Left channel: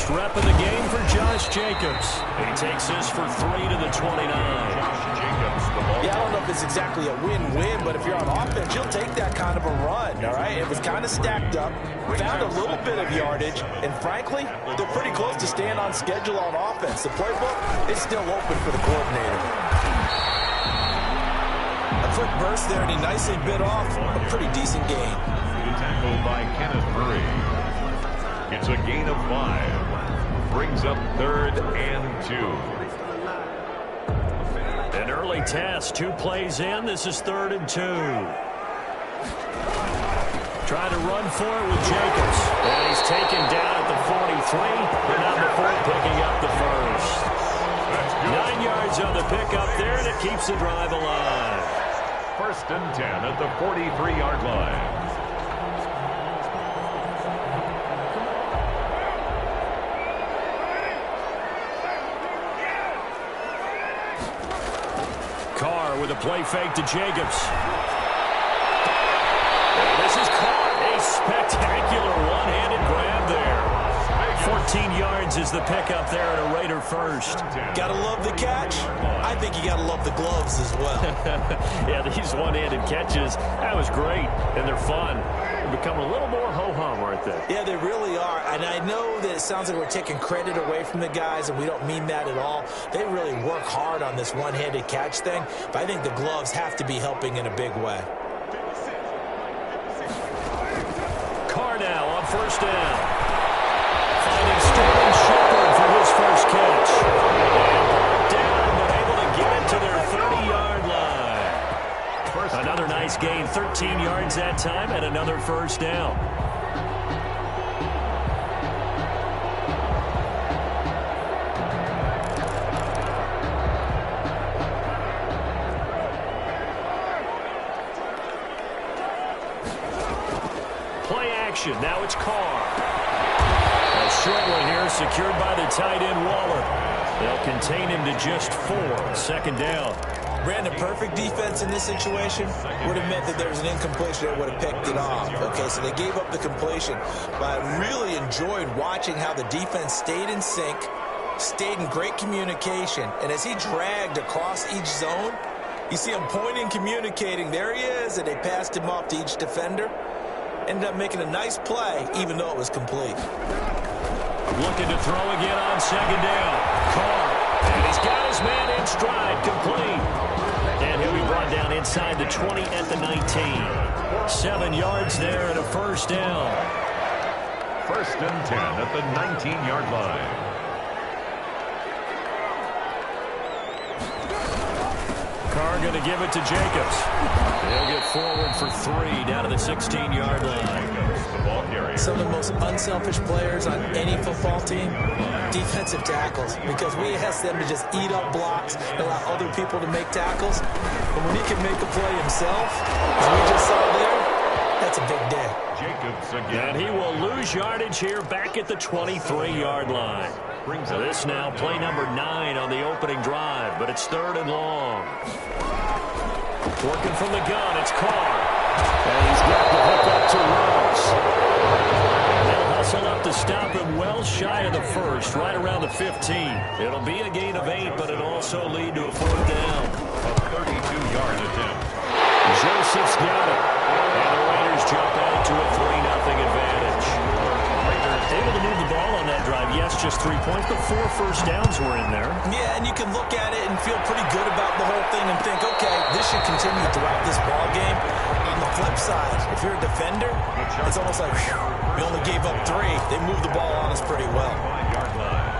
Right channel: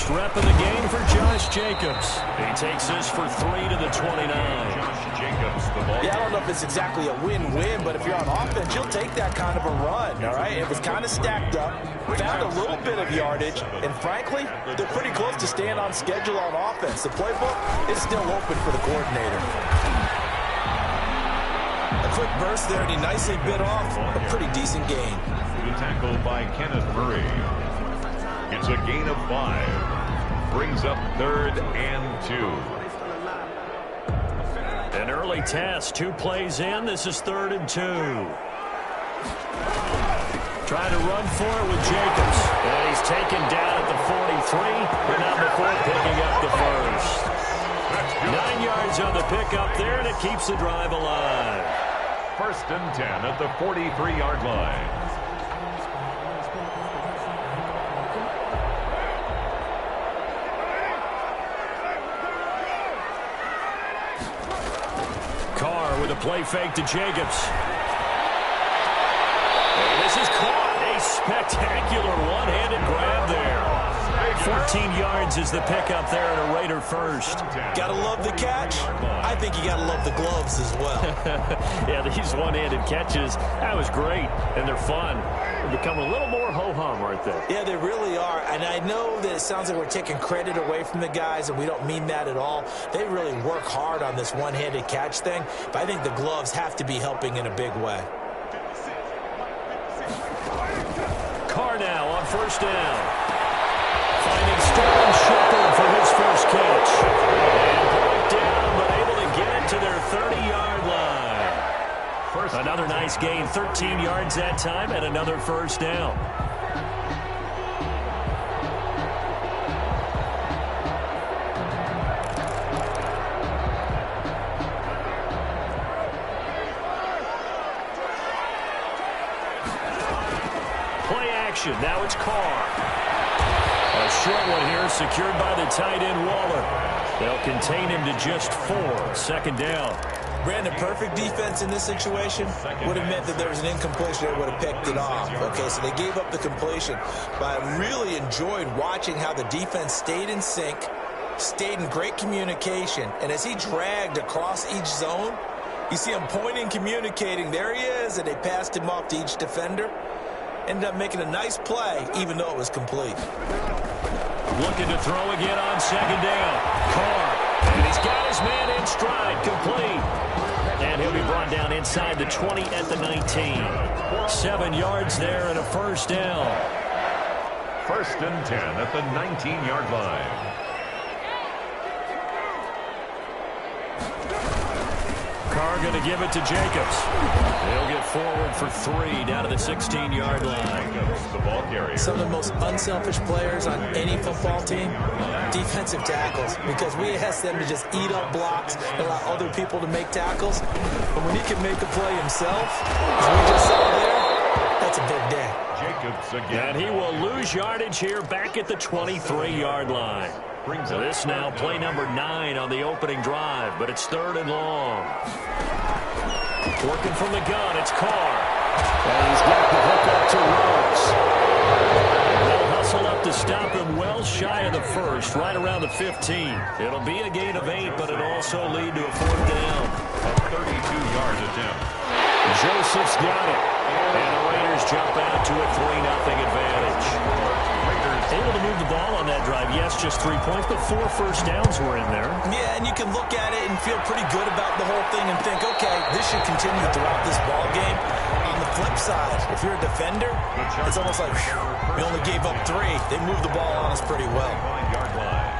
First rep of the game for Josh Jacobs. He takes this for 3 to the 29. Josh Jacobs, the ball. Yeah, I don't know if it's exactly a win-win, but if you're on offense, you'll take that kind of a run, all right? It was kind of stacked up, found a little bit of yardage, and frankly, they're pretty close to staying on schedule on offense. The playbook is still open for the coordinator. A quick burst there, and he nicely bit off a pretty decent gain. The tackle by Kenneth Murray. It's a gain of 5. Brings up 3rd and 2. An early test, 2 plays in. This is 3rd and 2. Try to run for it with Jacobs. And he's taken down at the 43, but not before picking up the first. 9 yards on the pickup there, and it keeps the drive alive. 1st and 10 at the 43-yard line. Carr with a play fake to Jacobs. And this is caught. A spectacular one-handed grab there. 14 yards is the pickup there, and a Raider first. Gotta love the catch. I think you gotta love the gloves as well. Yeah, these one-handed catches, that was great, and they're fun. They're becoming a little more ho-hum, aren't they? Yeah, they really are. And I know that it sounds like we're taking credit away from the guys, and we don't mean that at all. They really work hard on this one-handed catch thing, but I think the gloves have to be helping in a big way. Carr now on 1st down. Finding Sterling Shepard for his first catch. And brought down, but able to get it to their 30-yard line. Another nice gain, 13 yards that time, and another 1st down. Play action, now it's Carr. A short one here, secured by the tight end Waller. They'll contain him to just 4. 2nd down. Brandon, perfect defense in this situation would have meant that there was an incompletion that would have picked it off. Okay, so they gave up the completion. But I really enjoyed watching how the defense stayed in sync, stayed in great communication. And as he dragged across each zone, you see him pointing, communicating. There he is, and they passed him off to each defender. Ended up making a nice play, even though it was complete. Looking to throw again on 2nd down. Carr. And he's got his man in stride, complete. And he'll be brought down inside the 20 at the 19. 7 yards there and a 1st down. 1st and 10 at the 19-yard line. Carr going to give it to Jacobs. They'll get forward for 3 down to the 16-yard line. The ball carrier. Some of the most unselfish players on any football team, defensive tackles, because we ask them to just eat up blocks and allow other people to make tackles. But when he can make a play himself, as we just saw there, that's a big day. Jacobs again. And he will lose yardage here back at the 23-yard line. So this now play number 9 on the opening drive, but it's 3rd and long. Working from the gun, it's Carr. And he's got the hook up to Rose. And they'll hustle up to stop him well shy of the 1st, right around the 15. It'll be a gain of 8, but it'll also lead to a 4th down. A 32-yard attempt. Joseph's got it. And the Raiders jump out to a 3-0 advantage. Able to move the ball on that drive. Yes, just 3 points, but 4 first downs were in there. Yeah, and you can look at it and feel pretty good about the whole thing and think, okay, this should continue throughout this ball game. On the flip side, if you're a defender, it's almost like, whew, we only gave up 3. They moved the ball on us pretty well. 5-yard line.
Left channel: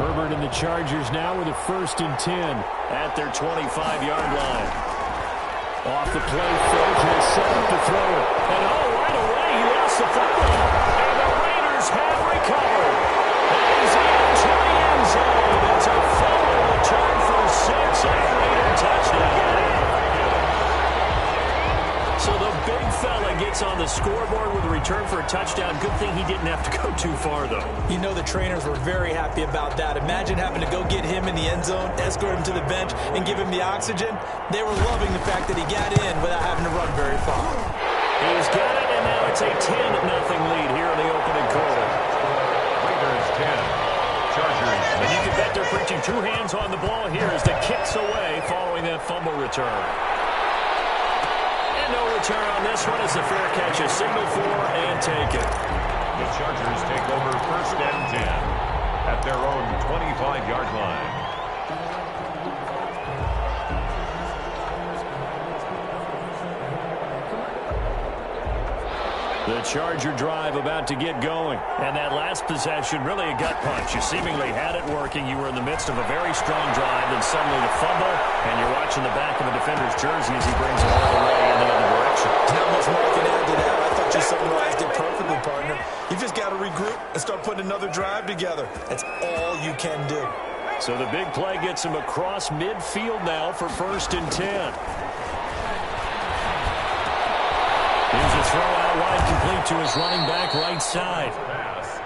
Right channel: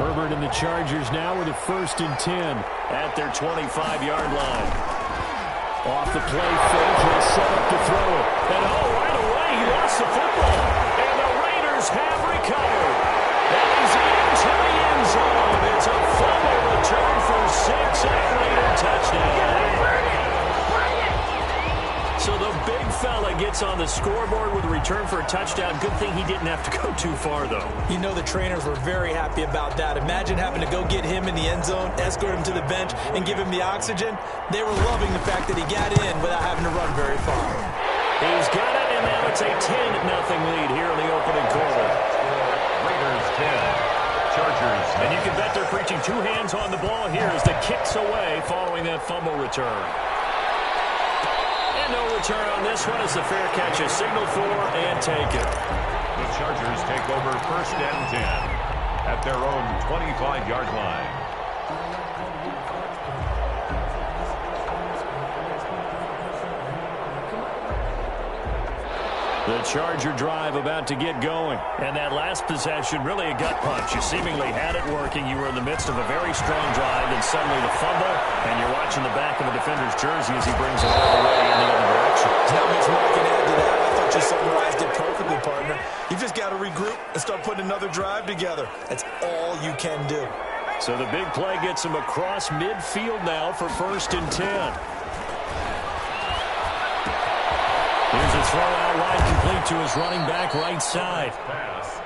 Herbert and the Chargers now with a 1st and 10 at their 25-yard line. Off the play fake, he'll set up to throw it. And right away, he lost the football. And the Raiders have recovered. And he's into the end zone. It's a fumble return for 6 and a Raider touchdown. So the big fella gets on the scoreboard with a return for a touchdown. Good thing he didn't have to go too far, though. You know the trainers were very happy about that. Imagine having to go get him in the end zone, escort him to the bench, and give him the oxygen. They were loving the fact that he got in without having to run very far. He's got it, and now it's a 10-0 lead here in the opening quarter. Raiders 10, Chargers. And you can bet they're preaching two hands on the ball here as the kick's away following that fumble return. And no return on this one as the fair catch is signaled for and taken. The Chargers take over 1st and 10 at their own 25-yard line. The Charger drive about to get going. And that last possession, really a gut punch. You seemingly had it working. You were in the midst of a very strong drive, and suddenly the fumble, and you're watching the back of the defender's jersey as he brings it all the way in the other direction. There's not much more I can add to that. I thought you summarized it perfectly, partner. You just got to regroup and start putting another drive together. That's all you can do. So the big play gets him across midfield now for 1st and 10. Here's a throw out wide, complete to his running back right side. Pass.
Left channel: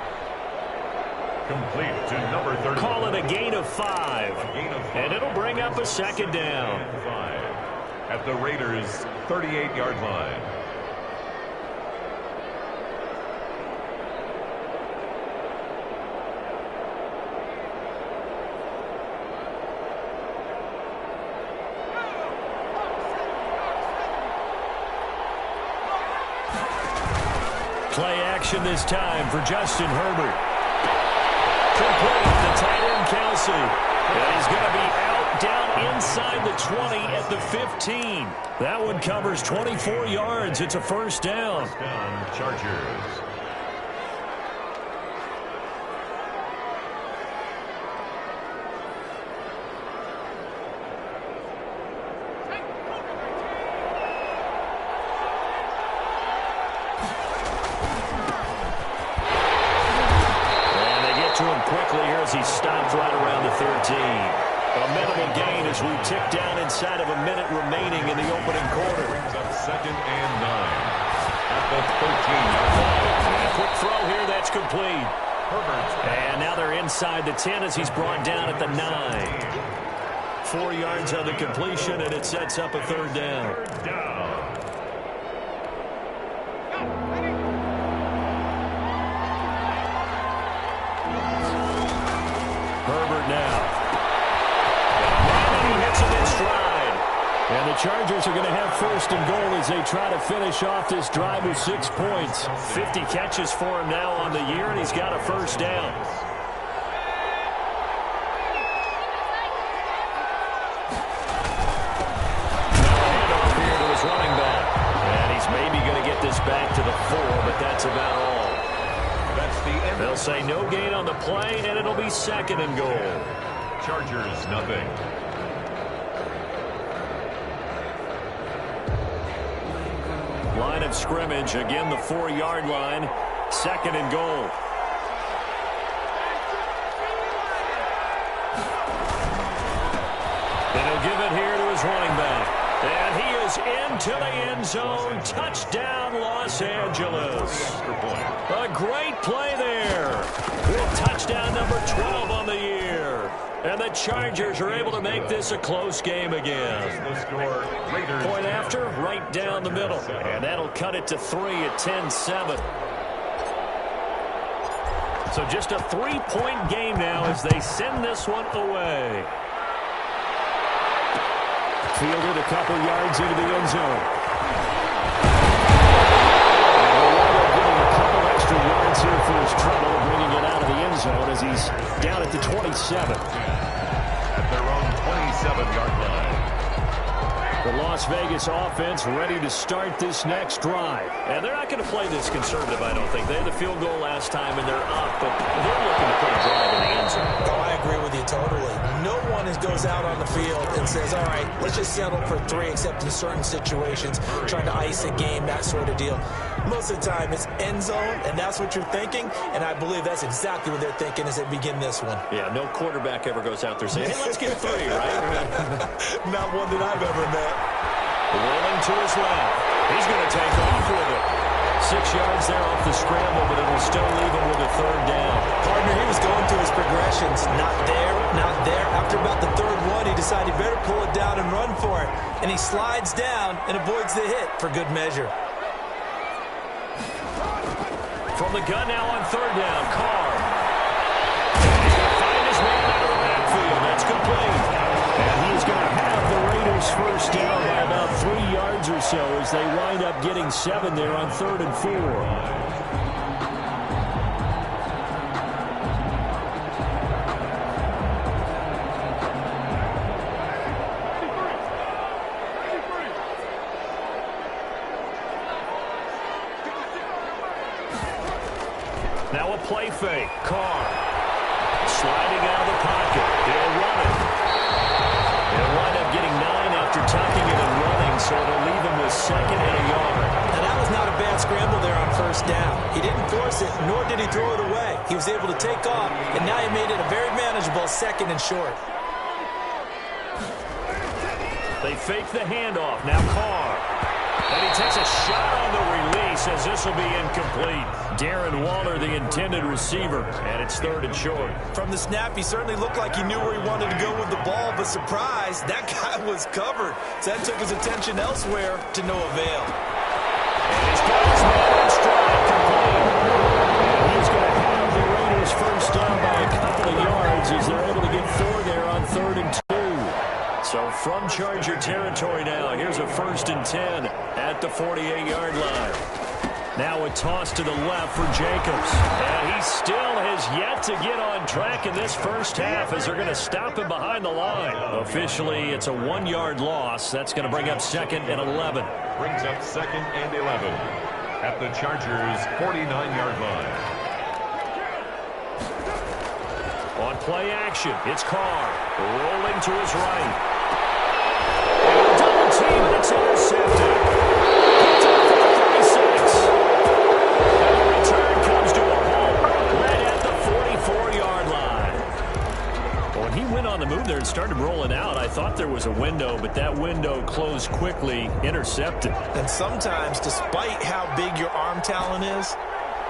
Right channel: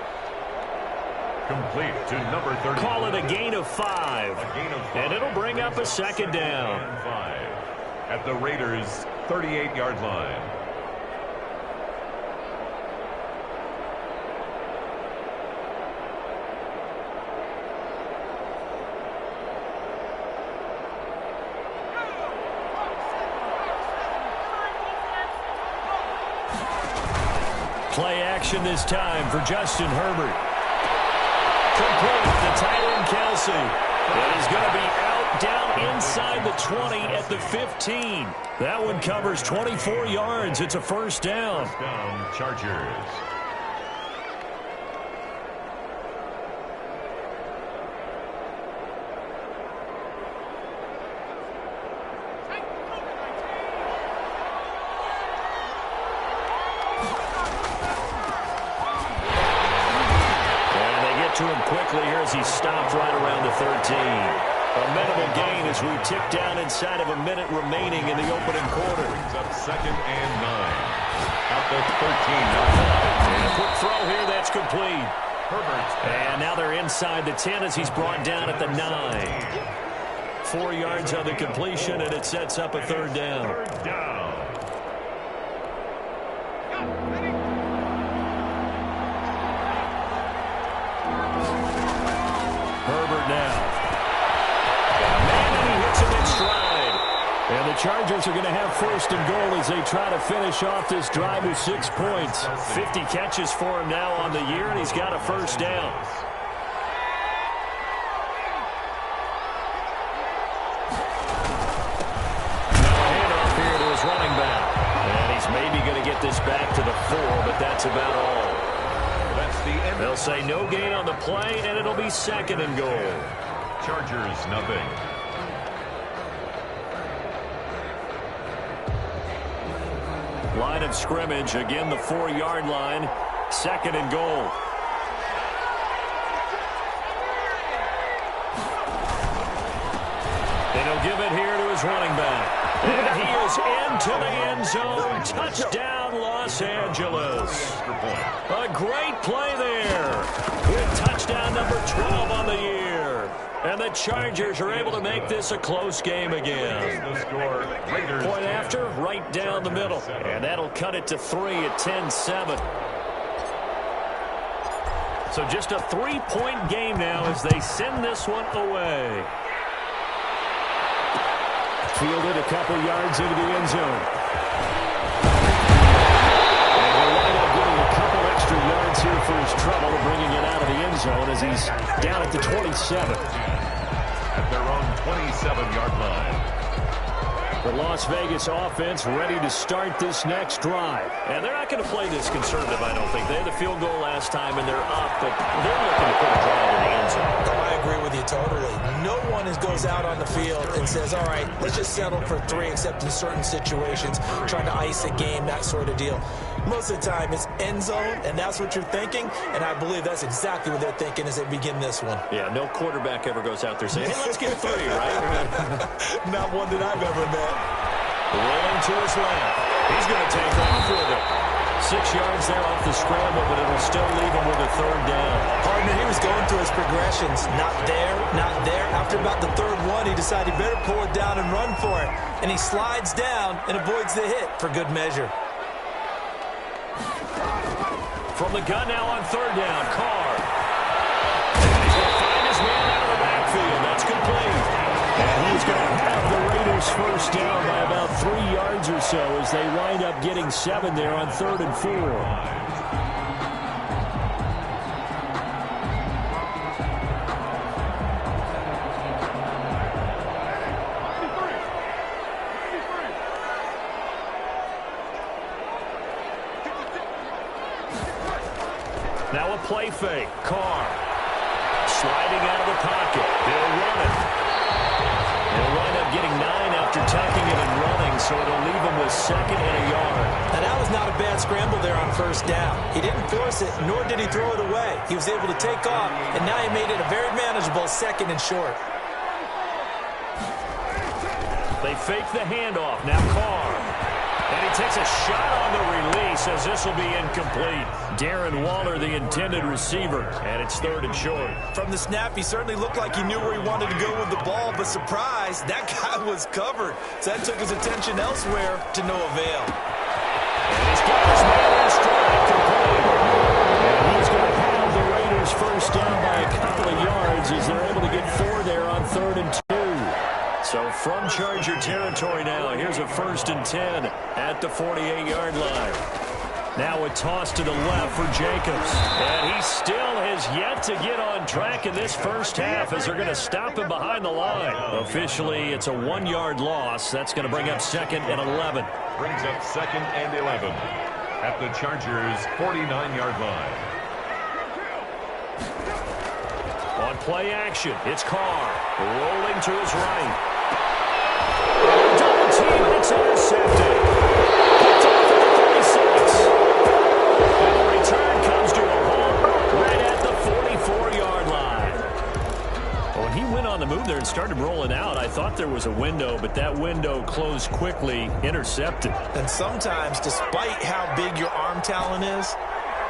Complete to number 30. Call it a gain of 5. A gain of 5. And it'll bring up a second down. 5 at the Raiders' 38-yard line. Play action this time for Justin Herbert. Complete the tight end Kelsey. And he's going to be out down inside the 20 at the 15. That one covers 24 yards. It's a 1st down. 1st down, Chargers. To him quickly here as he stopped right around the 13. A minimal gain as we tick down inside of a minute remaining in the opening quarter. Brings up 2nd and 9 at the 13-yard line. And a quick throw here that's complete. Herbert. And now they're inside the 10 as he's brought down at the 9. 4 yards on the completion, and it sets up a 3rd down. 3rd down. Herbert now. Got a man, and he hits him in stride. And the Chargers are going to have 1st and goal as they try to finish off this drive with 6 points. 50 catches for him now on the year, and he's got a 1st down. Now a handoff here to his running back. And he's maybe going to get this back to the 4, but that's about all. That's the end. They'll say no gain on the play, and it'll be 2nd and goal. Chargers, nothing. Line of scrimmage, again the 4-yard line, 2nd and goal. And he'll give it here to his running back. And he is into the end zone. Touchdown, Los Angeles. A great play there. With touchdown number 12 on the year. And the Chargers are able to make this a close game again. The score, Raiders. Point after, right down the middle. And that'll cut it to 3 at 10-7. So just a 3-point game now as they send this one away. Fielded a couple yards into the end zone. And he'll wind up getting a couple extra yards here for his trouble, bringing it out of the end zone as he's down at the 27. At their own 27-yard line. The Las Vegas offense ready to start this next drive. And they're not going to play this conservative, I don't think. They had the field goal last time, and they're up, but they're looking to put a drive in the end zone. Oh, I agree with you totally. No one goes out on the field and says, all right, let's just settle for 3, except in certain situations, trying to ice a game, that sort of deal. Most of the time, it's end zone, and that's what you're thinking, and I believe that's exactly what they're thinking as they begin this one. Yeah, no quarterback ever goes out there saying, hey, let's get 3, right? Not one that I've ever met. Rolling to his left. He's going to take off with it. 6 yards there off the scramble, but it'll still leave him with a third down. Partner, he was going through his progressions. Not there, not there. After about the third one, he decided he better pull it down and run for it. And he slides down and avoids the hit for good measure. From the gun now on third down, Carr. And he's going to find his man out of the backfield. That's complete. And he's going to have the Raiders first down by about 3 yards or so as they wind up getting 7 there on 3rd and 4. Now a play fake. Carr sliding out of the pocket. He'll run it. He'll wind up getting 9 after tucking it and running, so it'll leave him with 2nd and a yard. Now, that was not a bad scramble there on first down. He didn't force it, nor did he throw it away. He was able to take off, and now he made it a very manageable 2nd and short. They fake the handoff. Now Carr. And he takes a shot on the release as this will be incomplete. Darren Waller, the intended receiver, and it's 3rd and short. From the snap, he certainly looked like he knew where he wanted to go with the ball, but surprise, that guy was covered. So that took his attention elsewhere to no avail. And he's got his man in stride, complete. And he's going to have the Raiders first down by a couple of yards as they're able to get 4 there on 3rd and 2. So from Charger territory now, here's a 1st and 10 at the 48-yard line. Now a toss to the left for Jacobs. And he still has yet to get on track in this first half as they're going to stop him behind the line. Officially, it's a 1-yard loss. That's going to bring up 2nd and 11. Brings up 2nd and 11 at the Chargers' 49-yard line. On play action, it's Carr rolling to his right. And a double team, and it's intercepted. Picked off at the 36. And the return comes to a halt right at the 44-yard line. When he went on the move there and started rolling out, I thought there was a window, but that window closed quickly, intercepted. And sometimes, despite how big your arm talent is,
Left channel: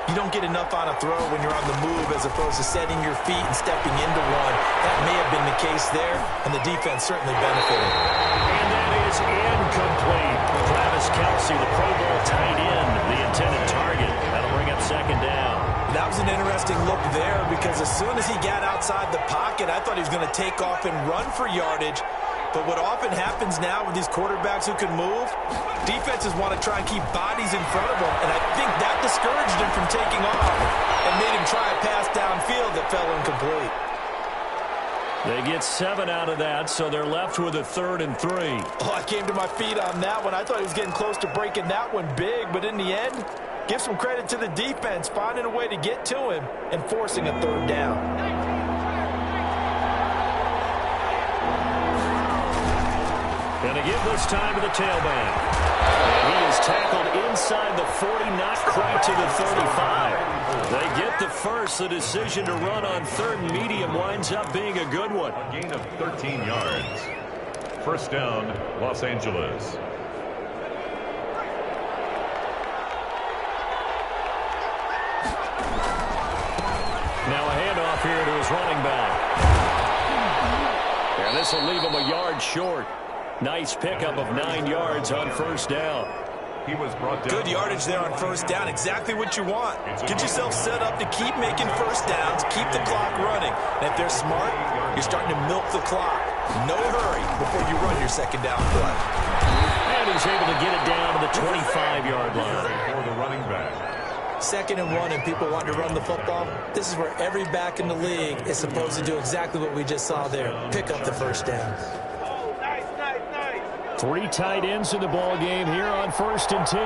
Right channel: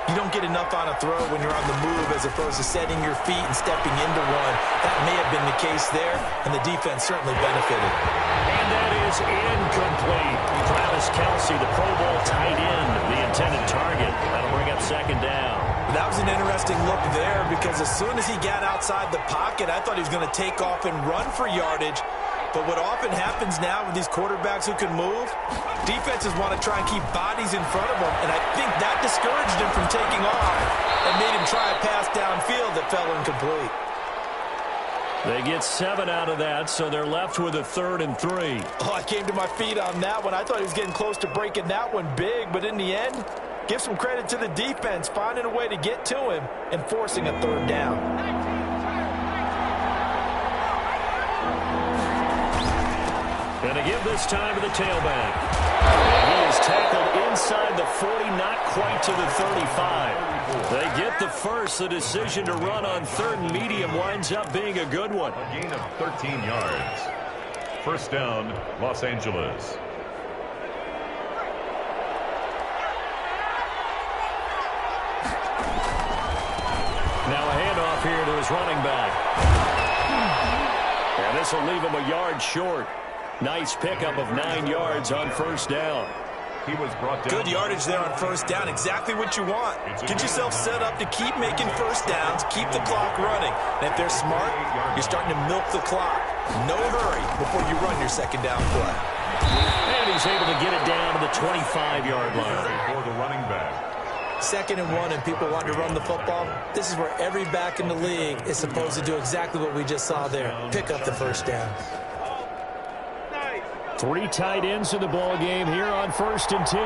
you don't get enough on a throw when you're on the move as opposed to setting your feet and stepping into one. That may have been the case there, and the defense certainly benefited. And that is incomplete. Travis Kelce, the Pro Bowl tight end, the intended target. That'll bring up 2nd down. That was an interesting look there because as soon as he got outside the pocket, I thought he was going to take off and run for yardage. But what often happens now with these quarterbacks who can move, defenses want to try and keep bodies in front of them, and I think that discouraged him from taking off and made him try a pass downfield that fell incomplete. They get 7 out of that, so they're left with a 3rd and 3. Oh, I came to my feet on that one. I thought he was getting close to breaking that one big, but in the end, give some credit to the defense, finding a way to get to him and forcing a 3rd down. And to give this time to the tailback. And he is tackled inside the 40, not quite to the 35. They get the first. The decision to run on 3rd and medium winds up being a good one. A gain of 13 yards. First down, Los Angeles. Now a handoff here to his running back. And this will leave him a yard short. Nice pickup of 9 yards on first down. He was brought down. Good yardage there on first down. Exactly what you want. Get yourself set up to keep making first downs, keep the clock running. And if they're smart, you're starting to milk the clock. No hurry before you run your 2nd down play. And he's able to get it down to the 25-yard line. For the running back. 2nd and 1 and people want to run the football. This is where every back in the league is supposed to do exactly what we just saw there. Pick up the first down. 3 tight ends in the ball game here on 1st and 10.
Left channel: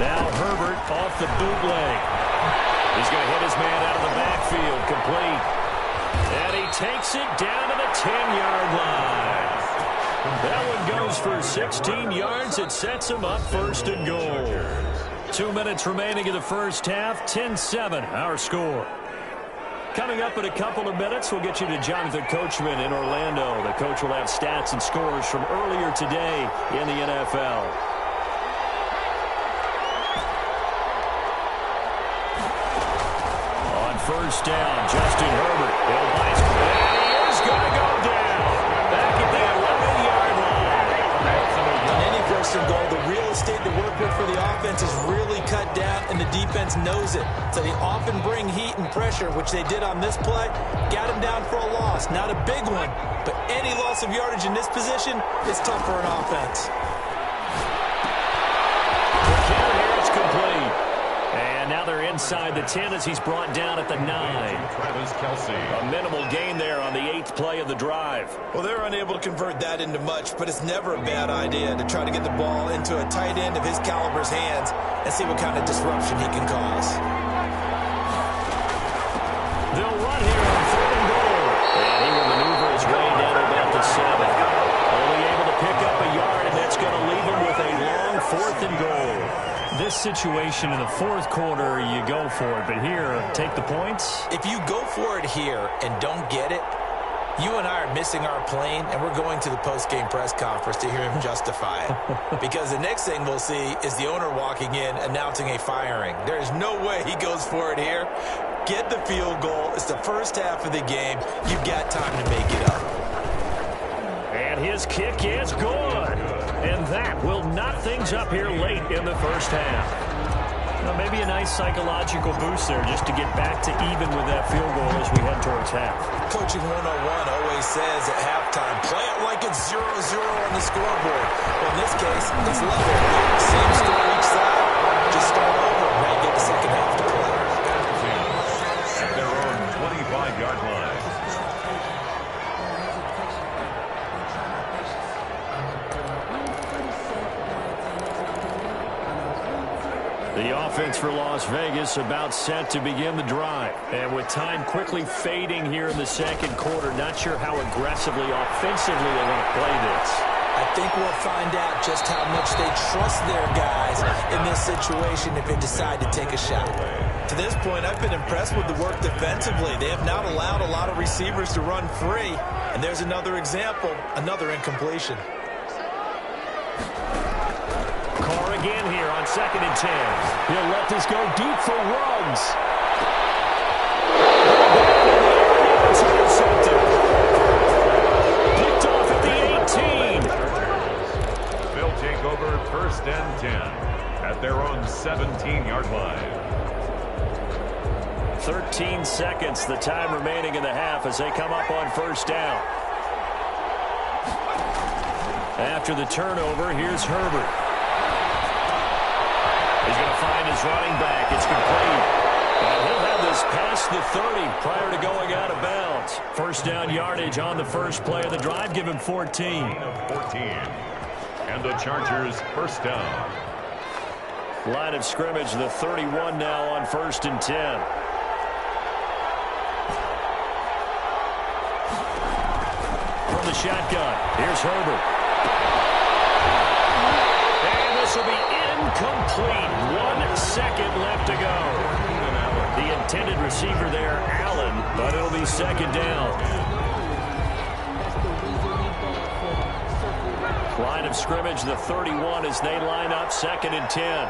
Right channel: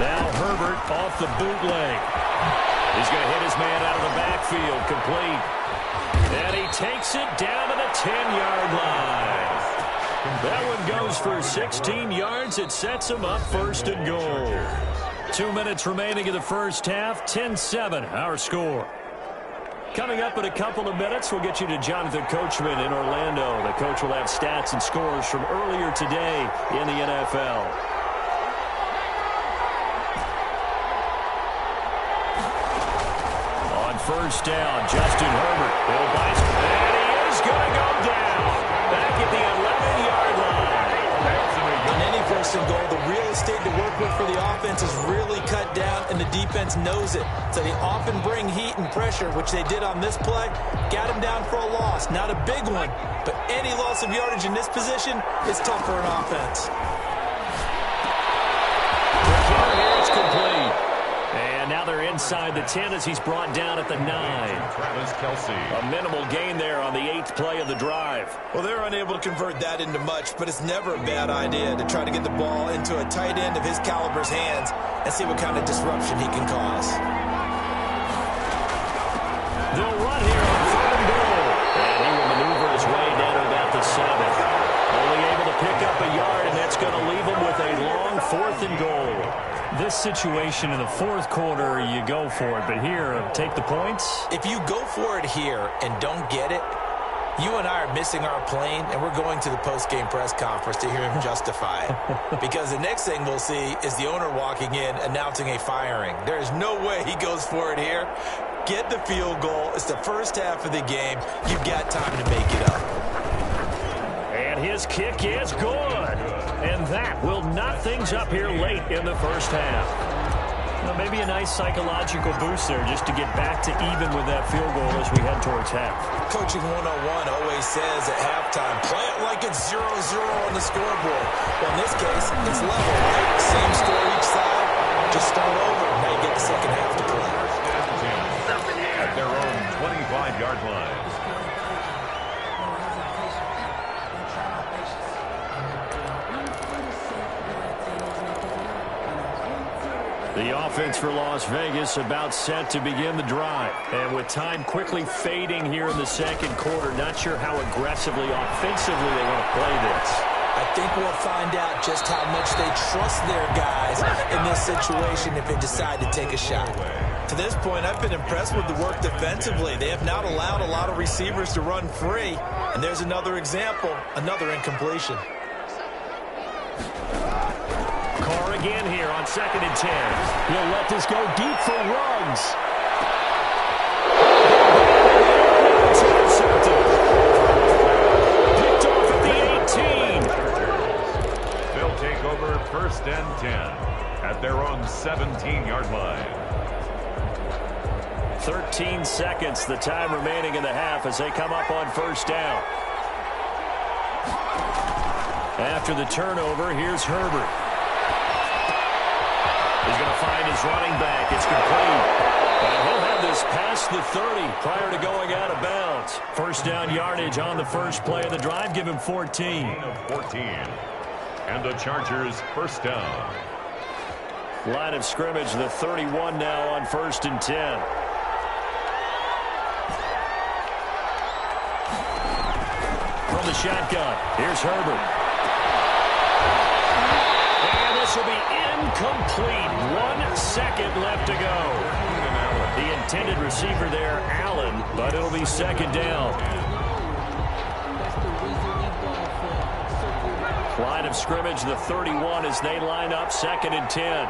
Now Herbert off the bootleg. He's going to hit his man out of the backfield, complete. And he takes it down to the 10-yard line. That one goes for 16 yards. It sets him up 1st and goal. 2 minutes remaining in the first half. 10-7, our score. Coming up in a couple of minutes, we'll get you to Jonathan Coachman in Orlando. The coach will have stats and scores from earlier today in the NFL. On first down, Justin Herbert. And he is going to go down. Back at the 11-yard line. On any first and goal, the real estate to work with for the offense is really cut down, and the defense knows it. So they often bring heat and pressure, which they did on this play. Got him down for a loss. Not a big one, but any loss of yardage in this position is tough for an offense. Here it's complete. And now they're inside the 10 as he's brought down at the 9. Travis Kelce. A minimal gain there on the 8th play of the drive. Well, they're unable to convert that into much, but it's never a bad idea to try to get the ball into a tight end of his caliber's hands and see what kind of disruption he can cause. They'll run here on 3rd and goal. And he will maneuver his way down to about the 7. Only able to pick up a yard, and that's going to leave him with a long 4th and goal. This situation in the 4th quarter, you go for it. But here, take the points. If you go for it here and don't get it, you and I are missing our plane, and we're going to the post-game press conference to hear him justify it. Because the next thing we'll see is the owner walking in announcing a firing. There is no way he goes for it here. Get the field goal. It's the first half of the game. You've got time to make it up. And his kick is good. And that will knot things up here late in the first half. Well, maybe a nice psychological boost there just to get back to even with that field goal as we head towards half. Coaching 101 always says at halftime, play it like it's 0-0 on the scoreboard. Well, in this case, it's level, right? Same score each side. Just start over. Now you get the second half to play. At their own 25-yard line. The offense for Las Vegas about set to begin the drive. And with time quickly fading here in the 2nd quarter, not sure how aggressively, offensively they want to play this. I think we'll find out just how much they trust their guys in this situation if they decide to take a shot. To this point, I've been impressed with the work defensively. They have not allowed a lot of receivers to run free. And there's another example, another incompletion. Carr again here on 2nd and 10. He'll let this go deep for Ruggs. It's intercepted. Picked off at the 18. They'll take over 1st and 10 at their own 17-yard line. 13 seconds, the time remaining in the half as they come up on 1st down. After the turnover, here's Herbert. He's going to find his running back. It's complete. And he'll have this past the 30 prior to going out of bounds. 1st down yardage on the first play of the drive. Give him 14. Gain of 14. And the Chargers 1st down. Line of scrimmage, the 31 now on 1st and 10. From the shotgun, here's Herbert. And this will be incomplete. 1 second left to go. The intended receiver there, Allen, but it'll be 2nd down. Line of scrimmage, the 31 as they line up 2nd and 10.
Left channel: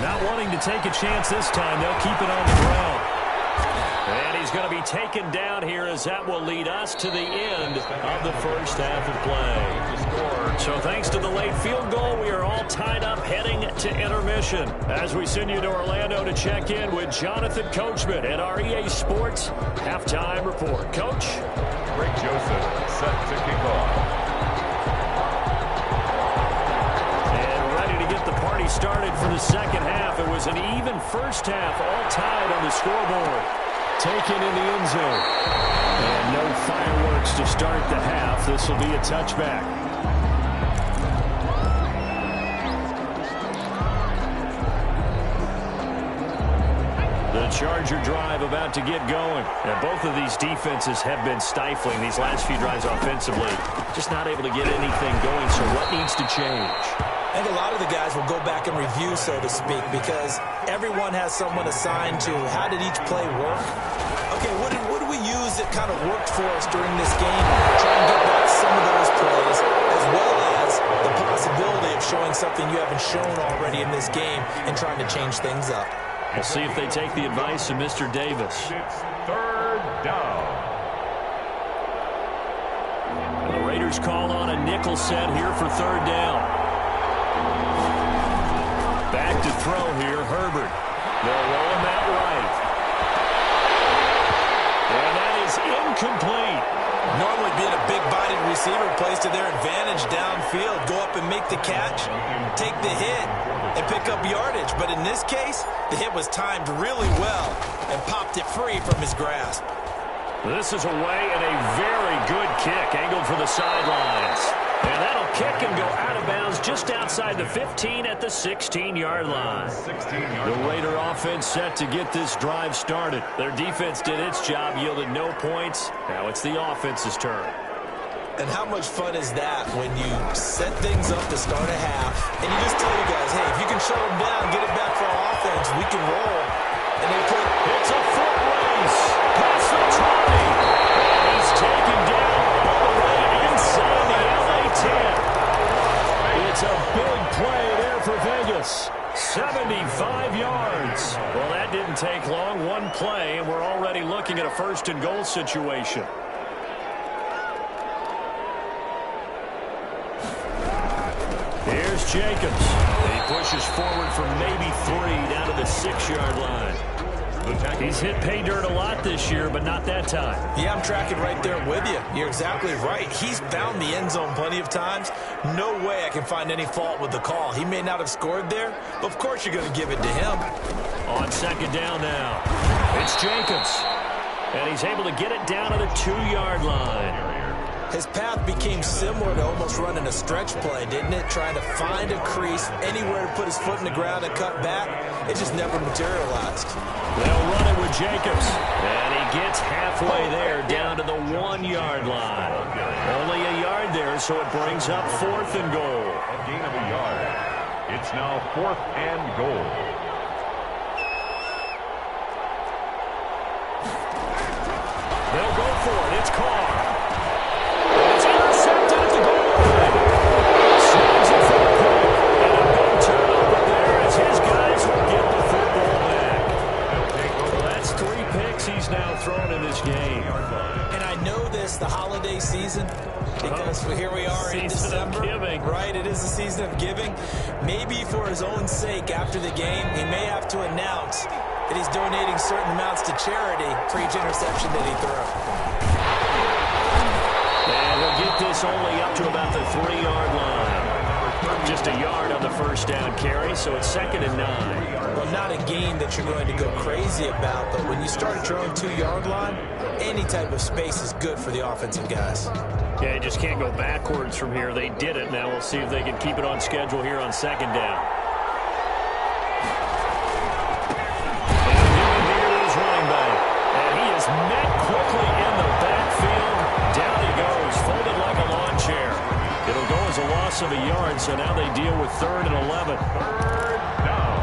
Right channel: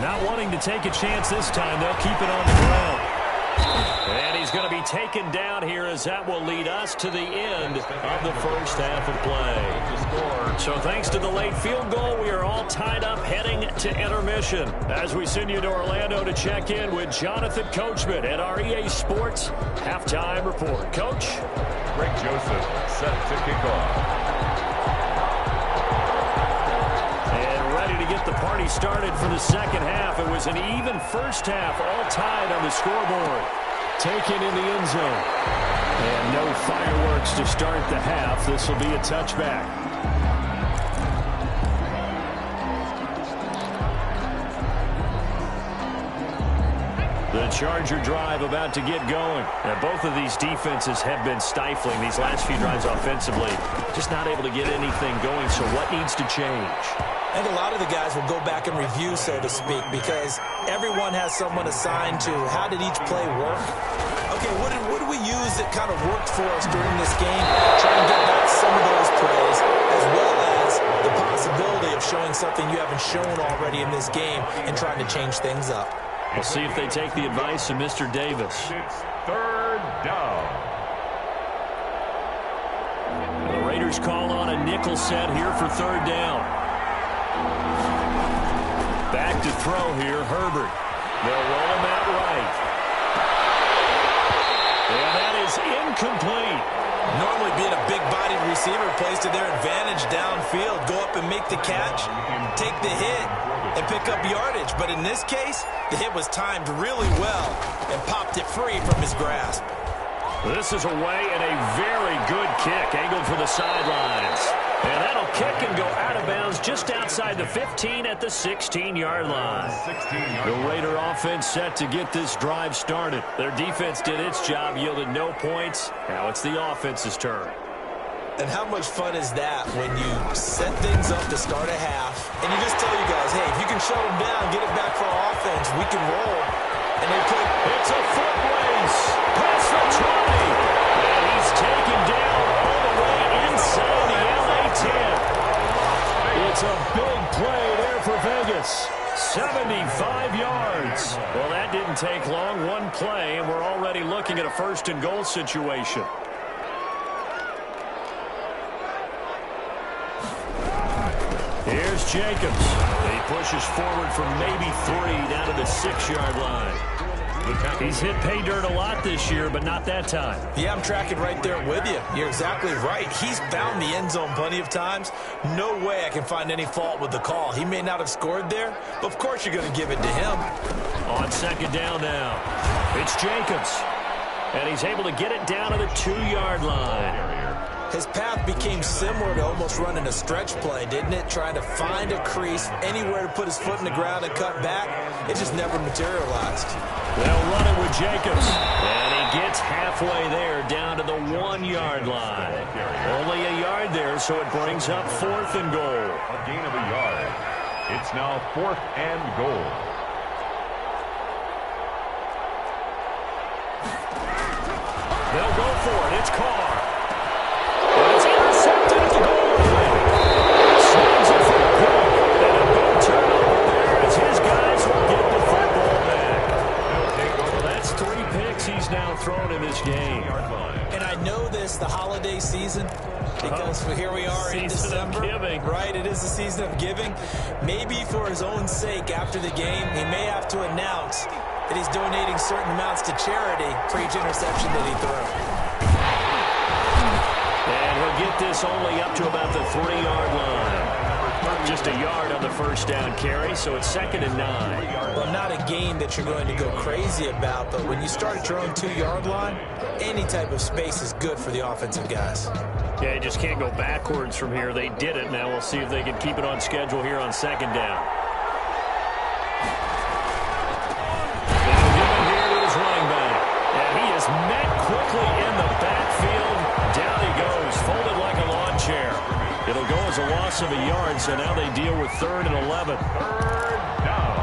Not wanting to take a chance this time. They'll keep it on the ground. And he's going to be taken down here as that will lead us to the end of the first half of play. So thanks to the late field goal, we are all tied up heading to intermission as we send you to Orlando to check in with Jonathan Coachman at our EA Sports Halftime Report. Coach? Greg Joseph set to kick off. And ready to get the party started for the second half. It was an even first half, all tied on the scoreboard. Taken in the end zone. And no fireworks to start the half. This will be a touchback. The Charger drive about to get going. And both of these defenses have been stifling these last few drives offensively. Just not able to get anything going, so what needs to change? I think a lot of the guys will go back and review, so to speak, because everyone has someone assigned to how did each play work. Okay, what did we use that kind of worked for us during this game? Try and get back some of those plays, as well as the possibility of showing something you haven't shown already in this game and trying to change things up. We'll see if they take the advice of Mr. Davis. It's third down. And the Raiders call on a nickel set here for third down. Back to throw here, Herbert. They'll roll him out right. And that is incomplete. Normally being a big-bodied receiver plays to their advantage downfield. Go up and make the catch, take the hit, and pick up yardage. But in this case, the hit was timed really well and popped it free from his grasp. This is away and a very good kick, angled for the sidelines. And that'll kick and go out of bounds just outside the 15 at the 16-yard line. The Raider offense set to get this drive started. Their defense did its job, yielded no points. Now it's the offense's turn. And how much fun is that when you set things up to start a half, and you just tell you guys, hey, if you can shut them down, get it back for our offense, we can roll. And they put, it's a foot race past the 20. And he's taken down all the way inside the LA 10. It's a big play there for Vegas. 75 yards. Well, that didn't take long. One play, and we're already looking at a first and goal situation. Here's Jacobs. He pushes forward for maybe 3 down to the 6-yard line. He's hit pay dirt a lot this year, but not that time. Yeah, I'm tracking right there with you. You're exactly right. He's found the end zone plenty of times. No way I can find any fault with the call. He may not have scored there, but of course you're going to give it to him. On second down now, it's Jacobs. And he's able to get it down to the 2-yard line. His path became similar to almost running a stretch play, didn't it? Trying to find a crease, anywhere to put his foot in the ground and cut back. It just never materialized. They'll run it with Jacobs. And he gets halfway there down to the 1-yard line. Only a yard there, so it brings up 4th and goal. A gain of a yard. It's now 4th and goal. They'll go for it. It's Carr. And it's intercepted at the goal line. Snags it for a pick. And a big turnover there as his guys will get the football back. Well, that's 3 picks he's now thrown in this game. And I know this, the holiday season, because here we are in December. Right, it is the season of giving. Maybe for his own sake after the game, he may have to announce that he's donating certain amounts to charity for each interception that he threw. And he'll get this only up to about the 3-yard line. Just a yard on the first down carry, so it's 2nd and 9. Well, not a game that you're going to go crazy about, but when you start at your own 2-yard line, any type of space is good for the offensive guys. Yeah, you just can't go backwards from here. They did it. Now we'll see if they can keep it on schedule here on 2nd down. And he'll give it here to his running back. And he is met quickly in the backfield. Down he goes, folded like a lawn chair. It'll go as a loss of a yard, so now they deal with 3rd and 11. 3rd down.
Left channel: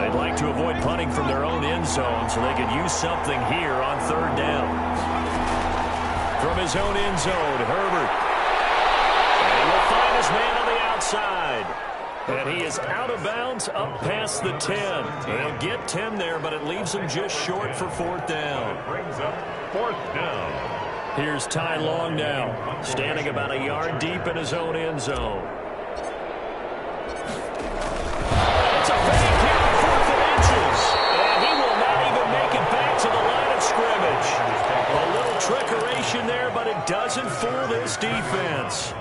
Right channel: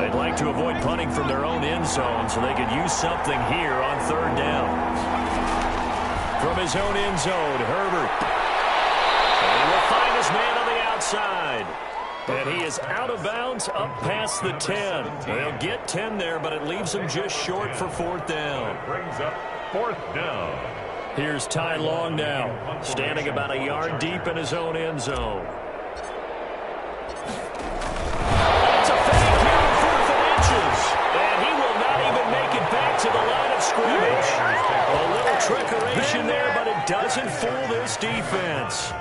They'd like to avoid punting from their own end zone so they could use something here on 3rd down. From his own end zone, Herbert. And he will find his man on the outside. And he is out of bounds up past the 10. They'll get 10 there, but it leaves him just short for 4th down. Brings up 4th down. Here's Ty Long now, standing about a yard deep in his own end zone. It's a fake here on 4th and inches. And he will not even make it back to the line of scrimmage. A little trickeration there, but it doesn't fool this defense.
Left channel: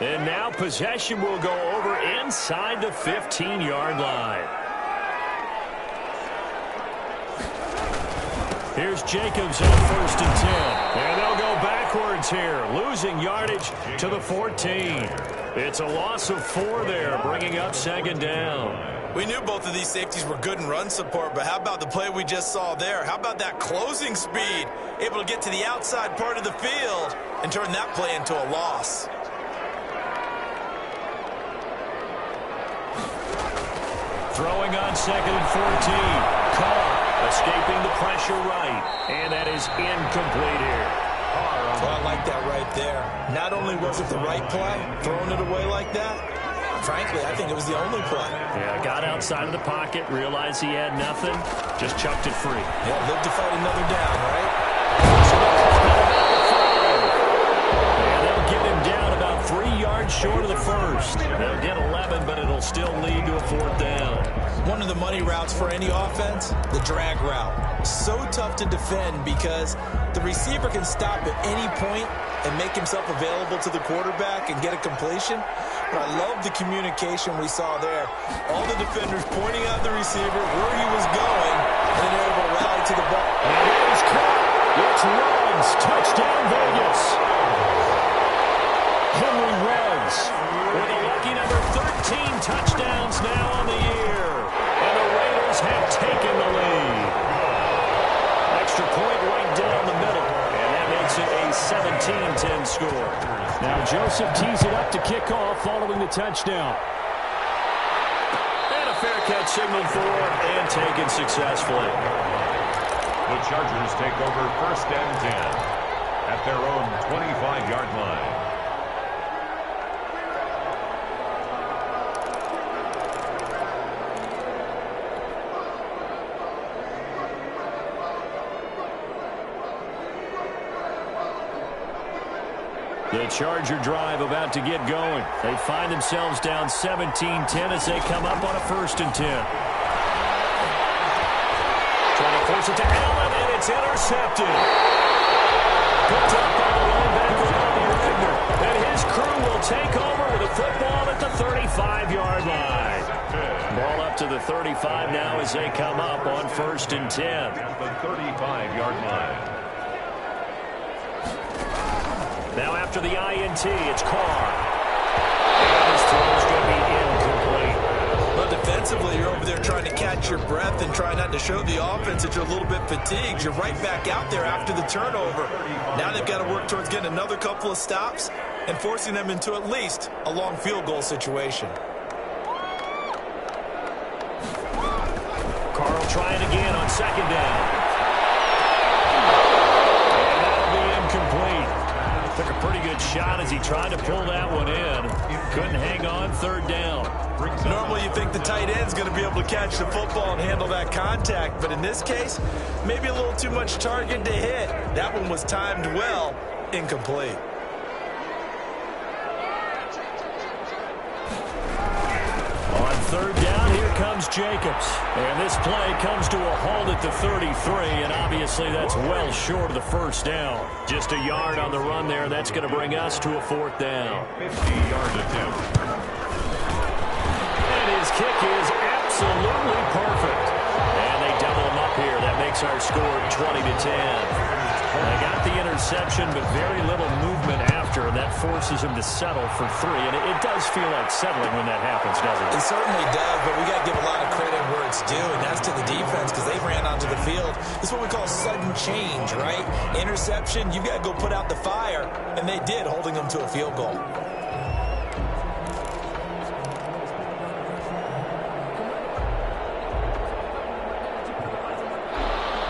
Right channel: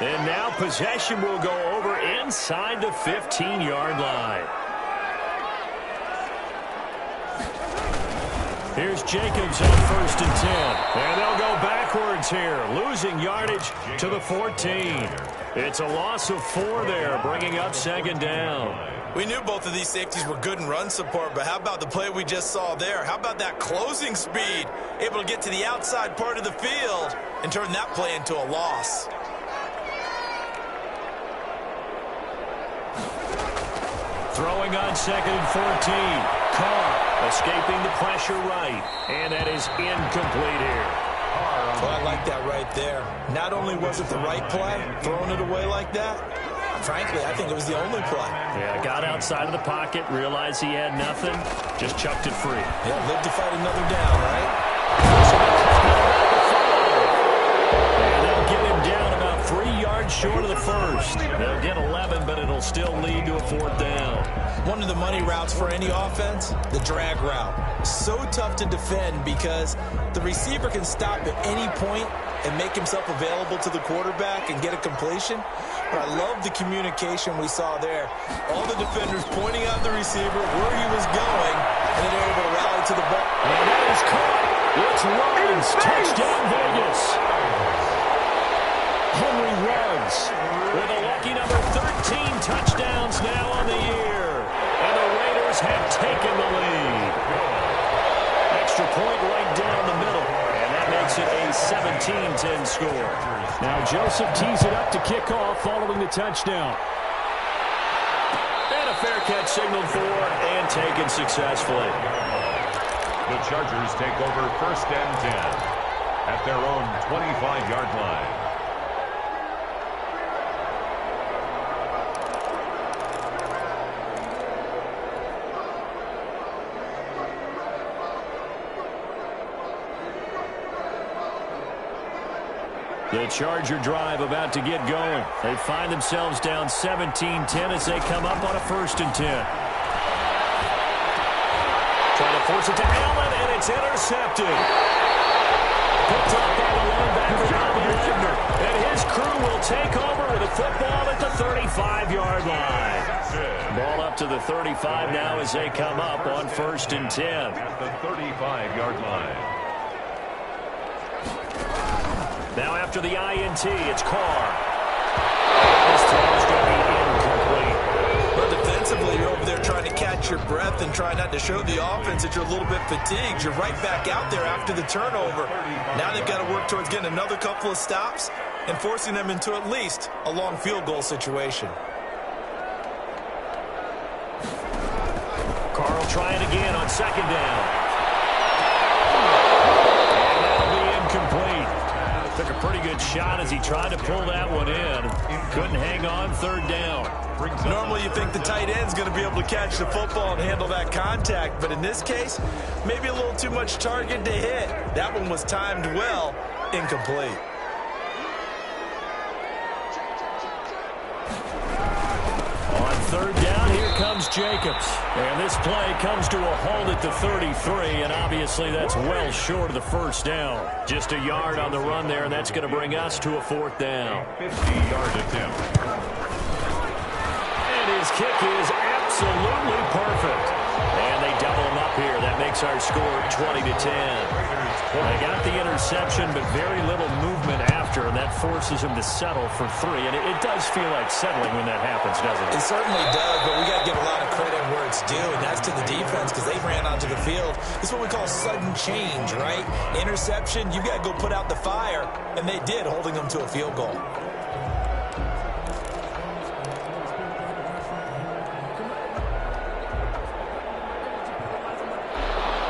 And now possession will go over inside the 15-yard line. Here's Jacobs on 1st and 10. And they'll go backwards here, losing yardage to the 14. It's a loss of 4 there, bringing up 2nd down. We knew both of these safeties were good in run support, but how about the play we just saw there? How about that closing speed? Able to get to the outside part of the field and turn that play into a loss. Throwing on 2nd and 14. Carr escaping the pressure right. And that is incomplete here. Well, I like that right there. Not only was it the right play, throwing it away like that, frankly, I think it was the only play. Yeah, got outside of the pocket, realized he had nothing, just chucked it free. Yeah, live to fight another down, right? And they'll get him down about 3 yards short of the first. They'll get 11, but it'll still lead to a 4th down. One of the money routes for any offense, the drag route. So tough to defend because the receiver can stop at any point and make himself available to the quarterback and get a completion. But I love the communication we saw there. All the defenders pointing out the receiver where he was going, and then they're able to rally to the ball. And that is caught. It's Ruggs. Touchdown, Vegas. Henry Ruggs with a lucky number 13 touchdowns now on the year. And the Raiders have taken the lead. Extra point right down the middle. And that makes it a 17-10 score. Now Joseph tees it up to kick off following the touchdown. And a fair catch signaled for and taken successfully. The Chargers take over 1st and 10 at their own 25-yard line. The Charger drive about to get going. They find themselves down 17-10 as they come up on a 1st and 10. Trying to force it to Allen, and it's intercepted. Picked up by the linebacker, Bobby Wagner. And his crew will take over with a football at the 35-yard line. Ball up to the 35 now as they come up on 1st and 10. At the 35-yard line. Now after the INT, it's Carr. And his throw is going to be incomplete. But defensively, you're over there trying to catch your breath and try not to show the offense that you're a little bit fatigued. You're right back out there after the turnover. Now they've got to work towards getting another couple of stops and forcing them into at least a long field goal situation. Carl trying again on 2nd down. And that'll be incomplete. Took a pretty good shot as he tried to pull that one in. Couldn't hang on 3rd down. Normally you think the tight end's going to be able to catch the football and handle that contact, but in this case, maybe a little too much target to hit. That one was timed well, incomplete. On 3rd down, here comes Jacobs. And this play comes to a halt at the 33, and obviously that's well short of the 1st down. Just a yard on the run there, and that's going to bring us to a 4th down. 50-yard attempt. And his kick is absolutely perfect. And they double him up here. That makes our score 20-10. They got the interception, but very little movement after, and that forces him to settle for 3. And it does feel like settling when that happens, doesn't it? It certainly does, but we got to give a lot of credit where it's due, and that's to the defense because they ran onto the field. This is what we call sudden change, right? Interception, you got to go put out the fire, and they did, holding them to a field goal.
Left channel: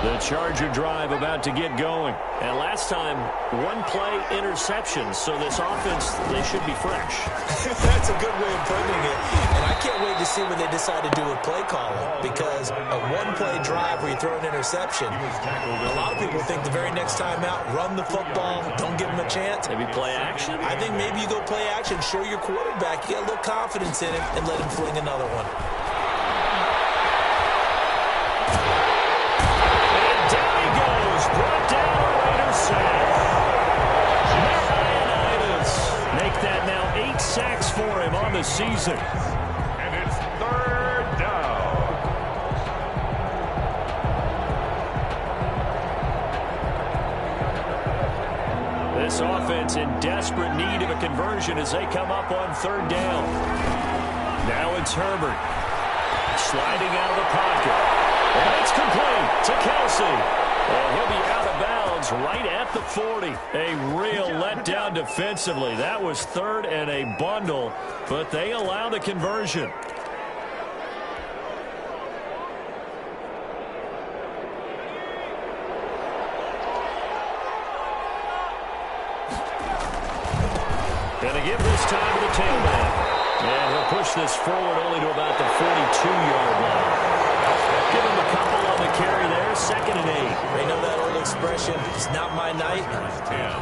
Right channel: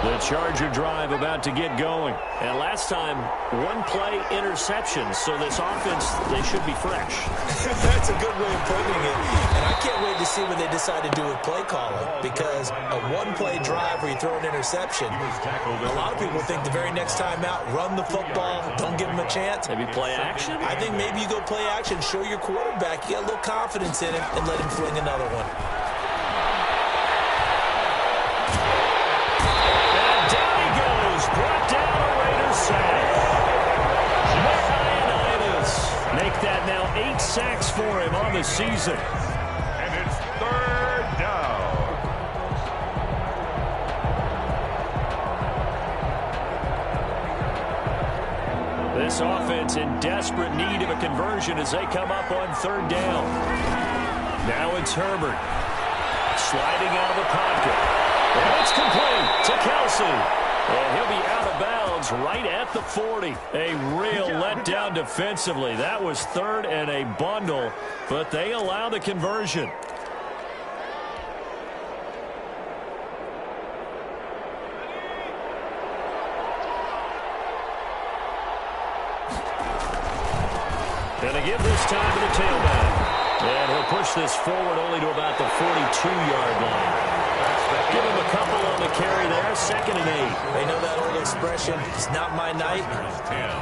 The Charger drive about to get going. And last time, 1-play interception. So this offense, they should be fresh. That's a good way of putting it. And I can't wait to see what they decide to do with play calling. Because a 1-play drive where you throw an interception, a lot of people think the very next time out, run the football, don't give them a chance. Maybe play action? I think maybe you go play action, show your quarterback, you got a little confidence in him, and let him fling another one. Brought down a Raiders sack. Matt Ioannidis make that now 8 sacks for him on the season. And it's 3rd down. This offense in desperate need of a conversion as they come up on 3rd down. Now it's Herbert. Sliding out of the pocket. And it's complete to Kelsey. And he'll be out of bounds right at the 40. A real letdown defensively. That was third and a bundle, but they allow the conversion. And a give this time to the tailback. And he'll push this forward only to about the 42-yard line. Give him a couple on the carry there, 2nd and 8. They know that old expression, it's not my night.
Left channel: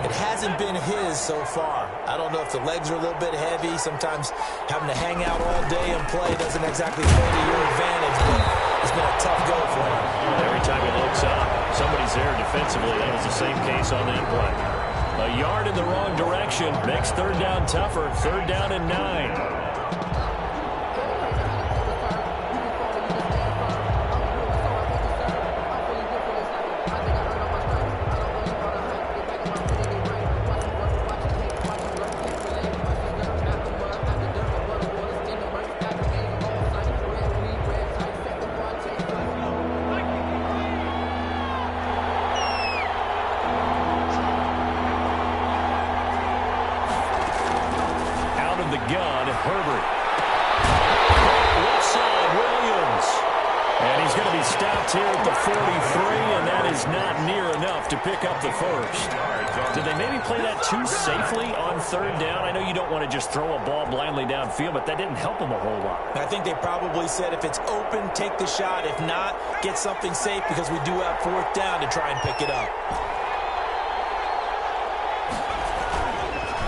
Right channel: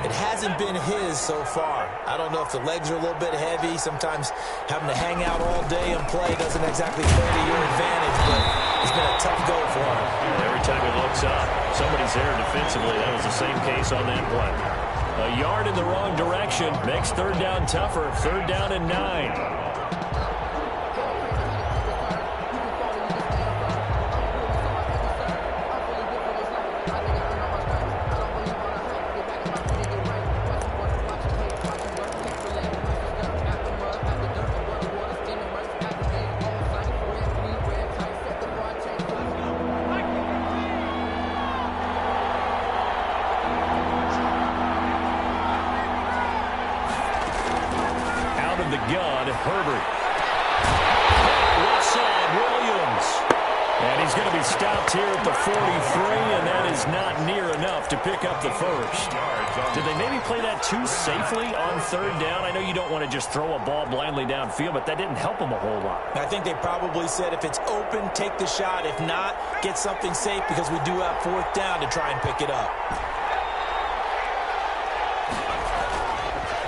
It hasn't been his so far. I don't know if the legs are a little bit heavy. Sometimes having to hang out all day and play doesn't exactly play to your advantage, but it's been a tough go for him. And every time he looks up, somebody's there defensively. That was the same case on that play. A yard in the wrong direction makes third down tougher. 3rd down and 9. The gun, Herbert. Left side, Williams. And he's going to be stopped here at the 43, and that is not near enough to pick up the first. Did they maybe play that too safely on 3rd down? I know you don't want to just throw a ball blindly downfield, but that didn't help them a whole lot. I think they probably said if it's open, take the shot. If not, get something safe because we do have 4th down to try and pick it up.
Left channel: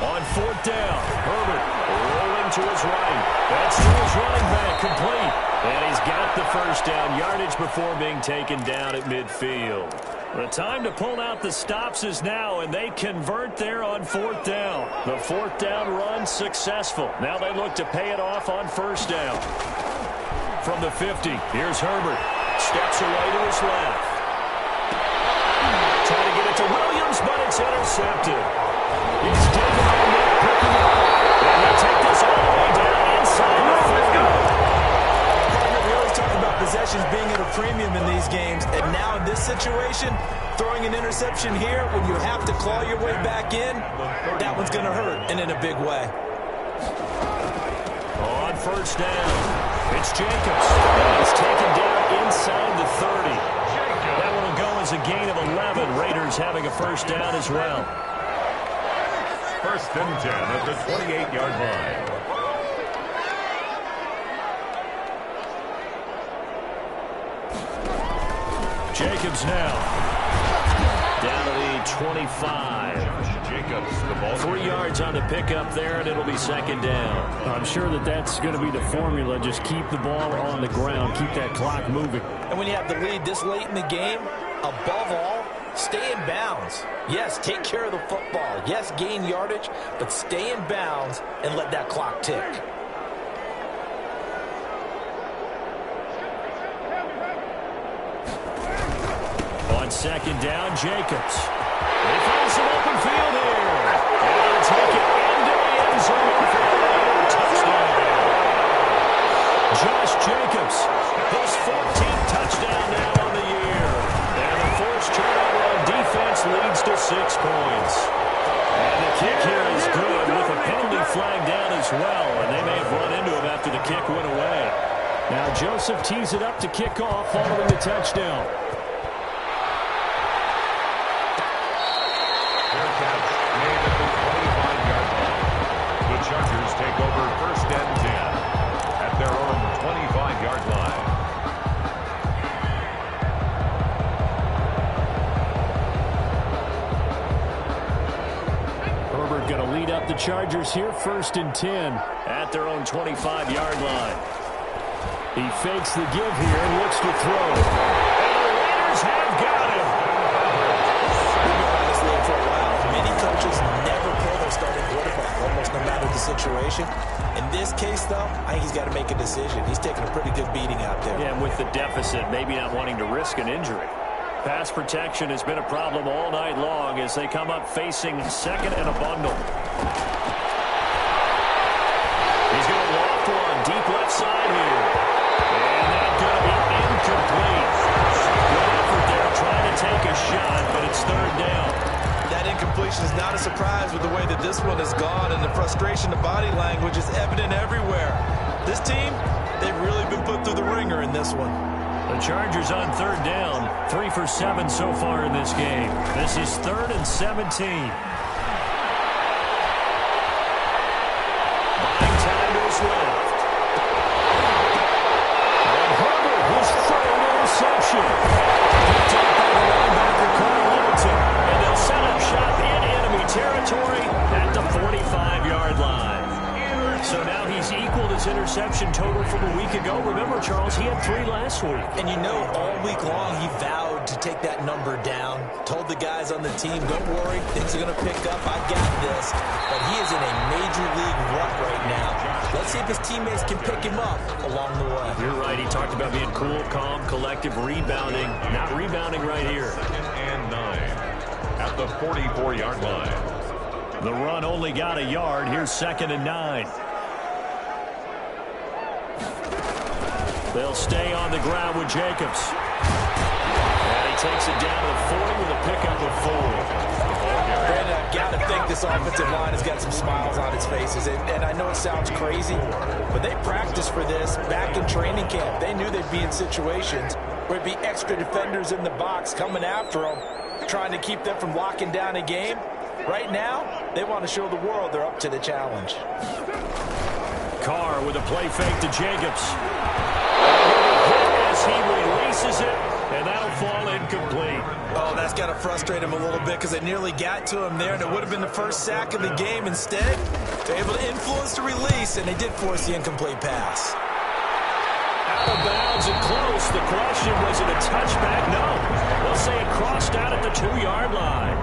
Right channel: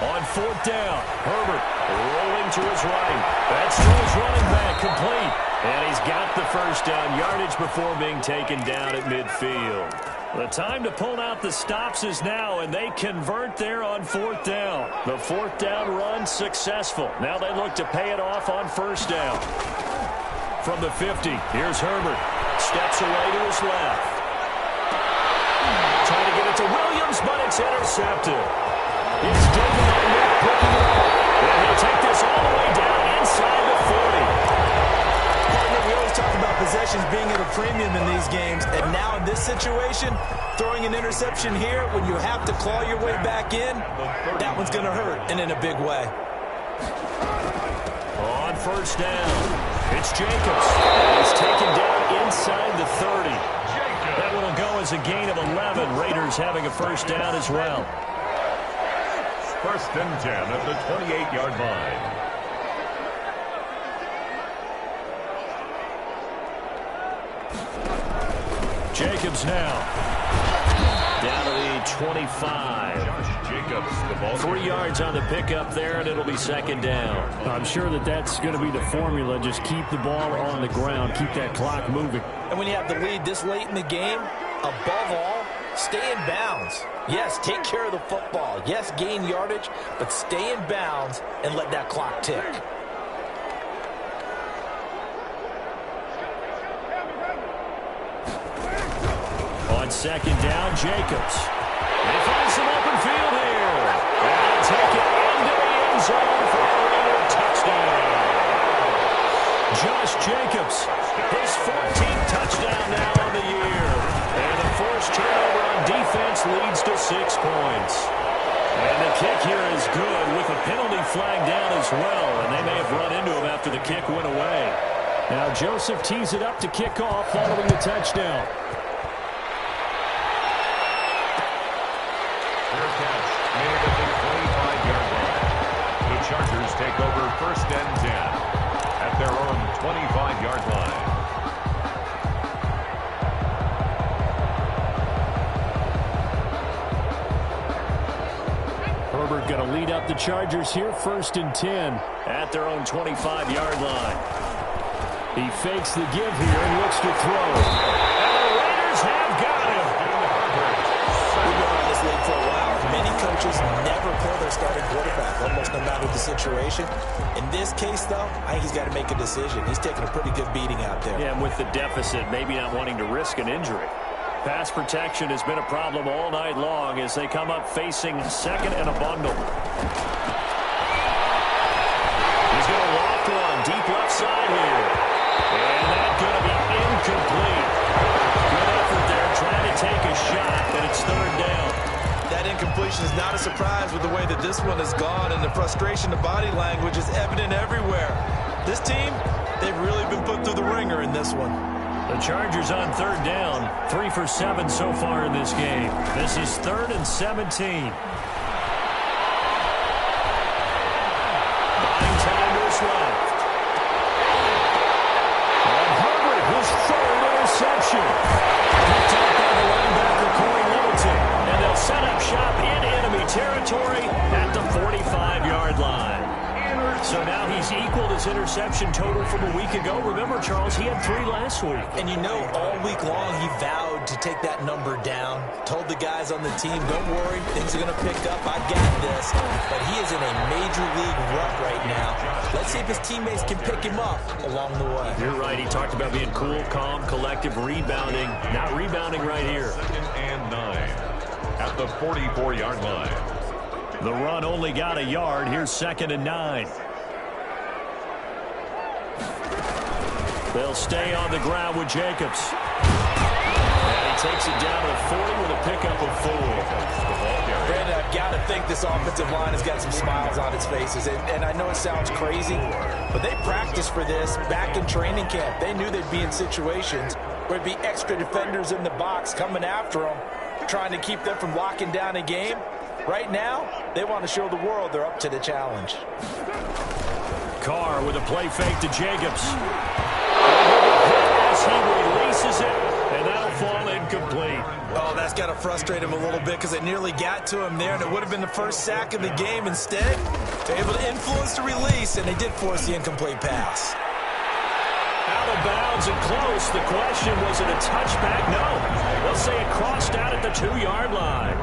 On 4th down, Herbert rolling to his right. That's to his running back, complete. And he's got the first down yardage before being taken down at midfield. The time to pull out the stops is now, and they convert there on 4th down. The 4th down run successful. Now they look to pay it off on 1st down. From the 50, here's Herbert. Steps away to his left. Trying to get it to Williams, but it's intercepted. He's digging on that, picking it up. And he'll take this all the way down inside the 40. Partner, we always talk about possessions being at a premium in these games. And now in this situation, throwing an interception here when you have to claw your way back in, that one's going to hurt, and in a big way. On 1st down, it's Jacobs. And he's taken down inside the 30. That one will go as a gain of 11. Raiders having a 1st down as well. 1st and 10 at the 28-yard line. Jacobs now. Down to the 25. Josh Jacobs, the ball. 3 yards on the pickup there, and it'll be 2nd down. I'm sure that's going to be the formula. Just keep the ball on the ground. Keep that clock moving. And when you have the lead this late in the game, above all, stay in bounds. Yes, take care of the football. Yes, gain yardage, but stay in bounds and let that clock tick. On 2nd down, Jacobs. They find some open field here. And they'll take it into the end zone for a Raider touchdown. Josh Jacobs, his 14th touchdown now on the year. And the forced turnover on defense leads to 6 points. And the kick here is good with a penalty flag down as well. And they may have run into him after the kick went away. Now Joseph tees it up to kick off following the touchdown. Fair catch made at the 25-yard line. The Chargers take over 1st and 10 at their own 25-yard line. Herbert going to lead up the Chargers here, 1st and 10 at their own 25-yard line. He fakes the give here and looks to throw. And the Raiders have got him. We've been around this league for a while. Many coaches never pull their starting quarterback, almost no matter the situation. In this case, though, I think he's got to make a decision. He's taking a pretty good beating out there. Yeah, and with the deficit, maybe not wanting to risk an injury. Pass protection has been a problem all night long as they come up facing 2nd and a bundle. He's going to loft one deep left side here. And that's going to be incomplete. Good effort there trying to take a shot, but it's third down. That incompletion is not a surprise with the way that this one has gone, and the frustration, the body language is evident everywhere. This team, they've really been put through the ringer in this one. The Chargers on third down, 3 for 7 so far in this game. This is 3rd and 17. Buying time to his left. And Herbert, his 3rd interception. Picked up by the linebacker, Corey Littleton. And they'll set up shop in enemy territory at the 45-yard line. So now he's equaled his interception total from a week ago. Remember, Charles, he had 3 last week. And you know, all week long he vowed to take that number down. Told the guys on the team, don't worry, things are going to pick up. I got this. But he is in a major league rut right now. Let's see if his teammates can pick him up along the way. You're right. He talked about being cool, calm, collective, rebounding. Not rebounding right here. 2nd and 9 at the 44-yard line. The run only got a yard. Here's 2nd and 9. They'll stay on the ground with Jacobs. And he takes it down to the 40 with a pickup of 4. Brandon, I've got to think this offensive line has got some smiles on its faces. And I know it sounds crazy, but they practiced for this back in training camp. They knew they'd be in situations where there'd be extra defenders in the box coming after them, trying to keep them from locking down a game. Right now, they want to show the world they're up to the challenge. Carr with a play fake to Jacobs. As he releases it, and that'll fall incomplete. Oh, that's got to frustrate him a little bit because it nearly got to him there, and it would have been the first sack of the game. Instead, they're able to influence the release, and they did force the incomplete pass. Out of bounds and close. The question, was it a touchback? No. They'll say it crossed out at the 2-yard line.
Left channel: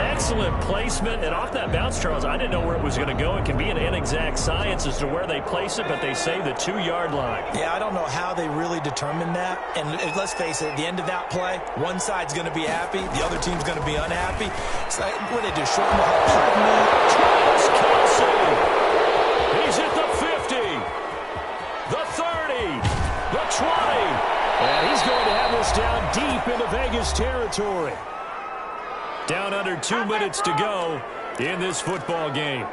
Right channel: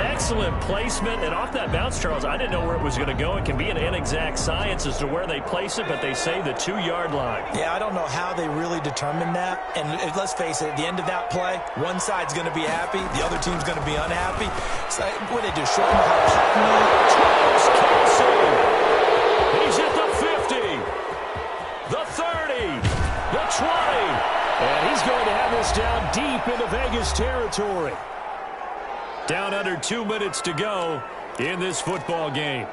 Excellent placement. And off that bounce, Charles, I didn't know where it was going to go. It can be an inexact science as to where they place it, but they say the 2-yard line. Yeah, I don't know how they really determined that. And let's face it, at the end of that play, one side's going to be happy, the other team's going to be unhappy. It's like, what do they do? Shorten the hot move? Travis Kelce. He's at the 50. The 30. The 20. And he's going to have this down deep into Vegas territory. Down under 2 minutes to go in this football game.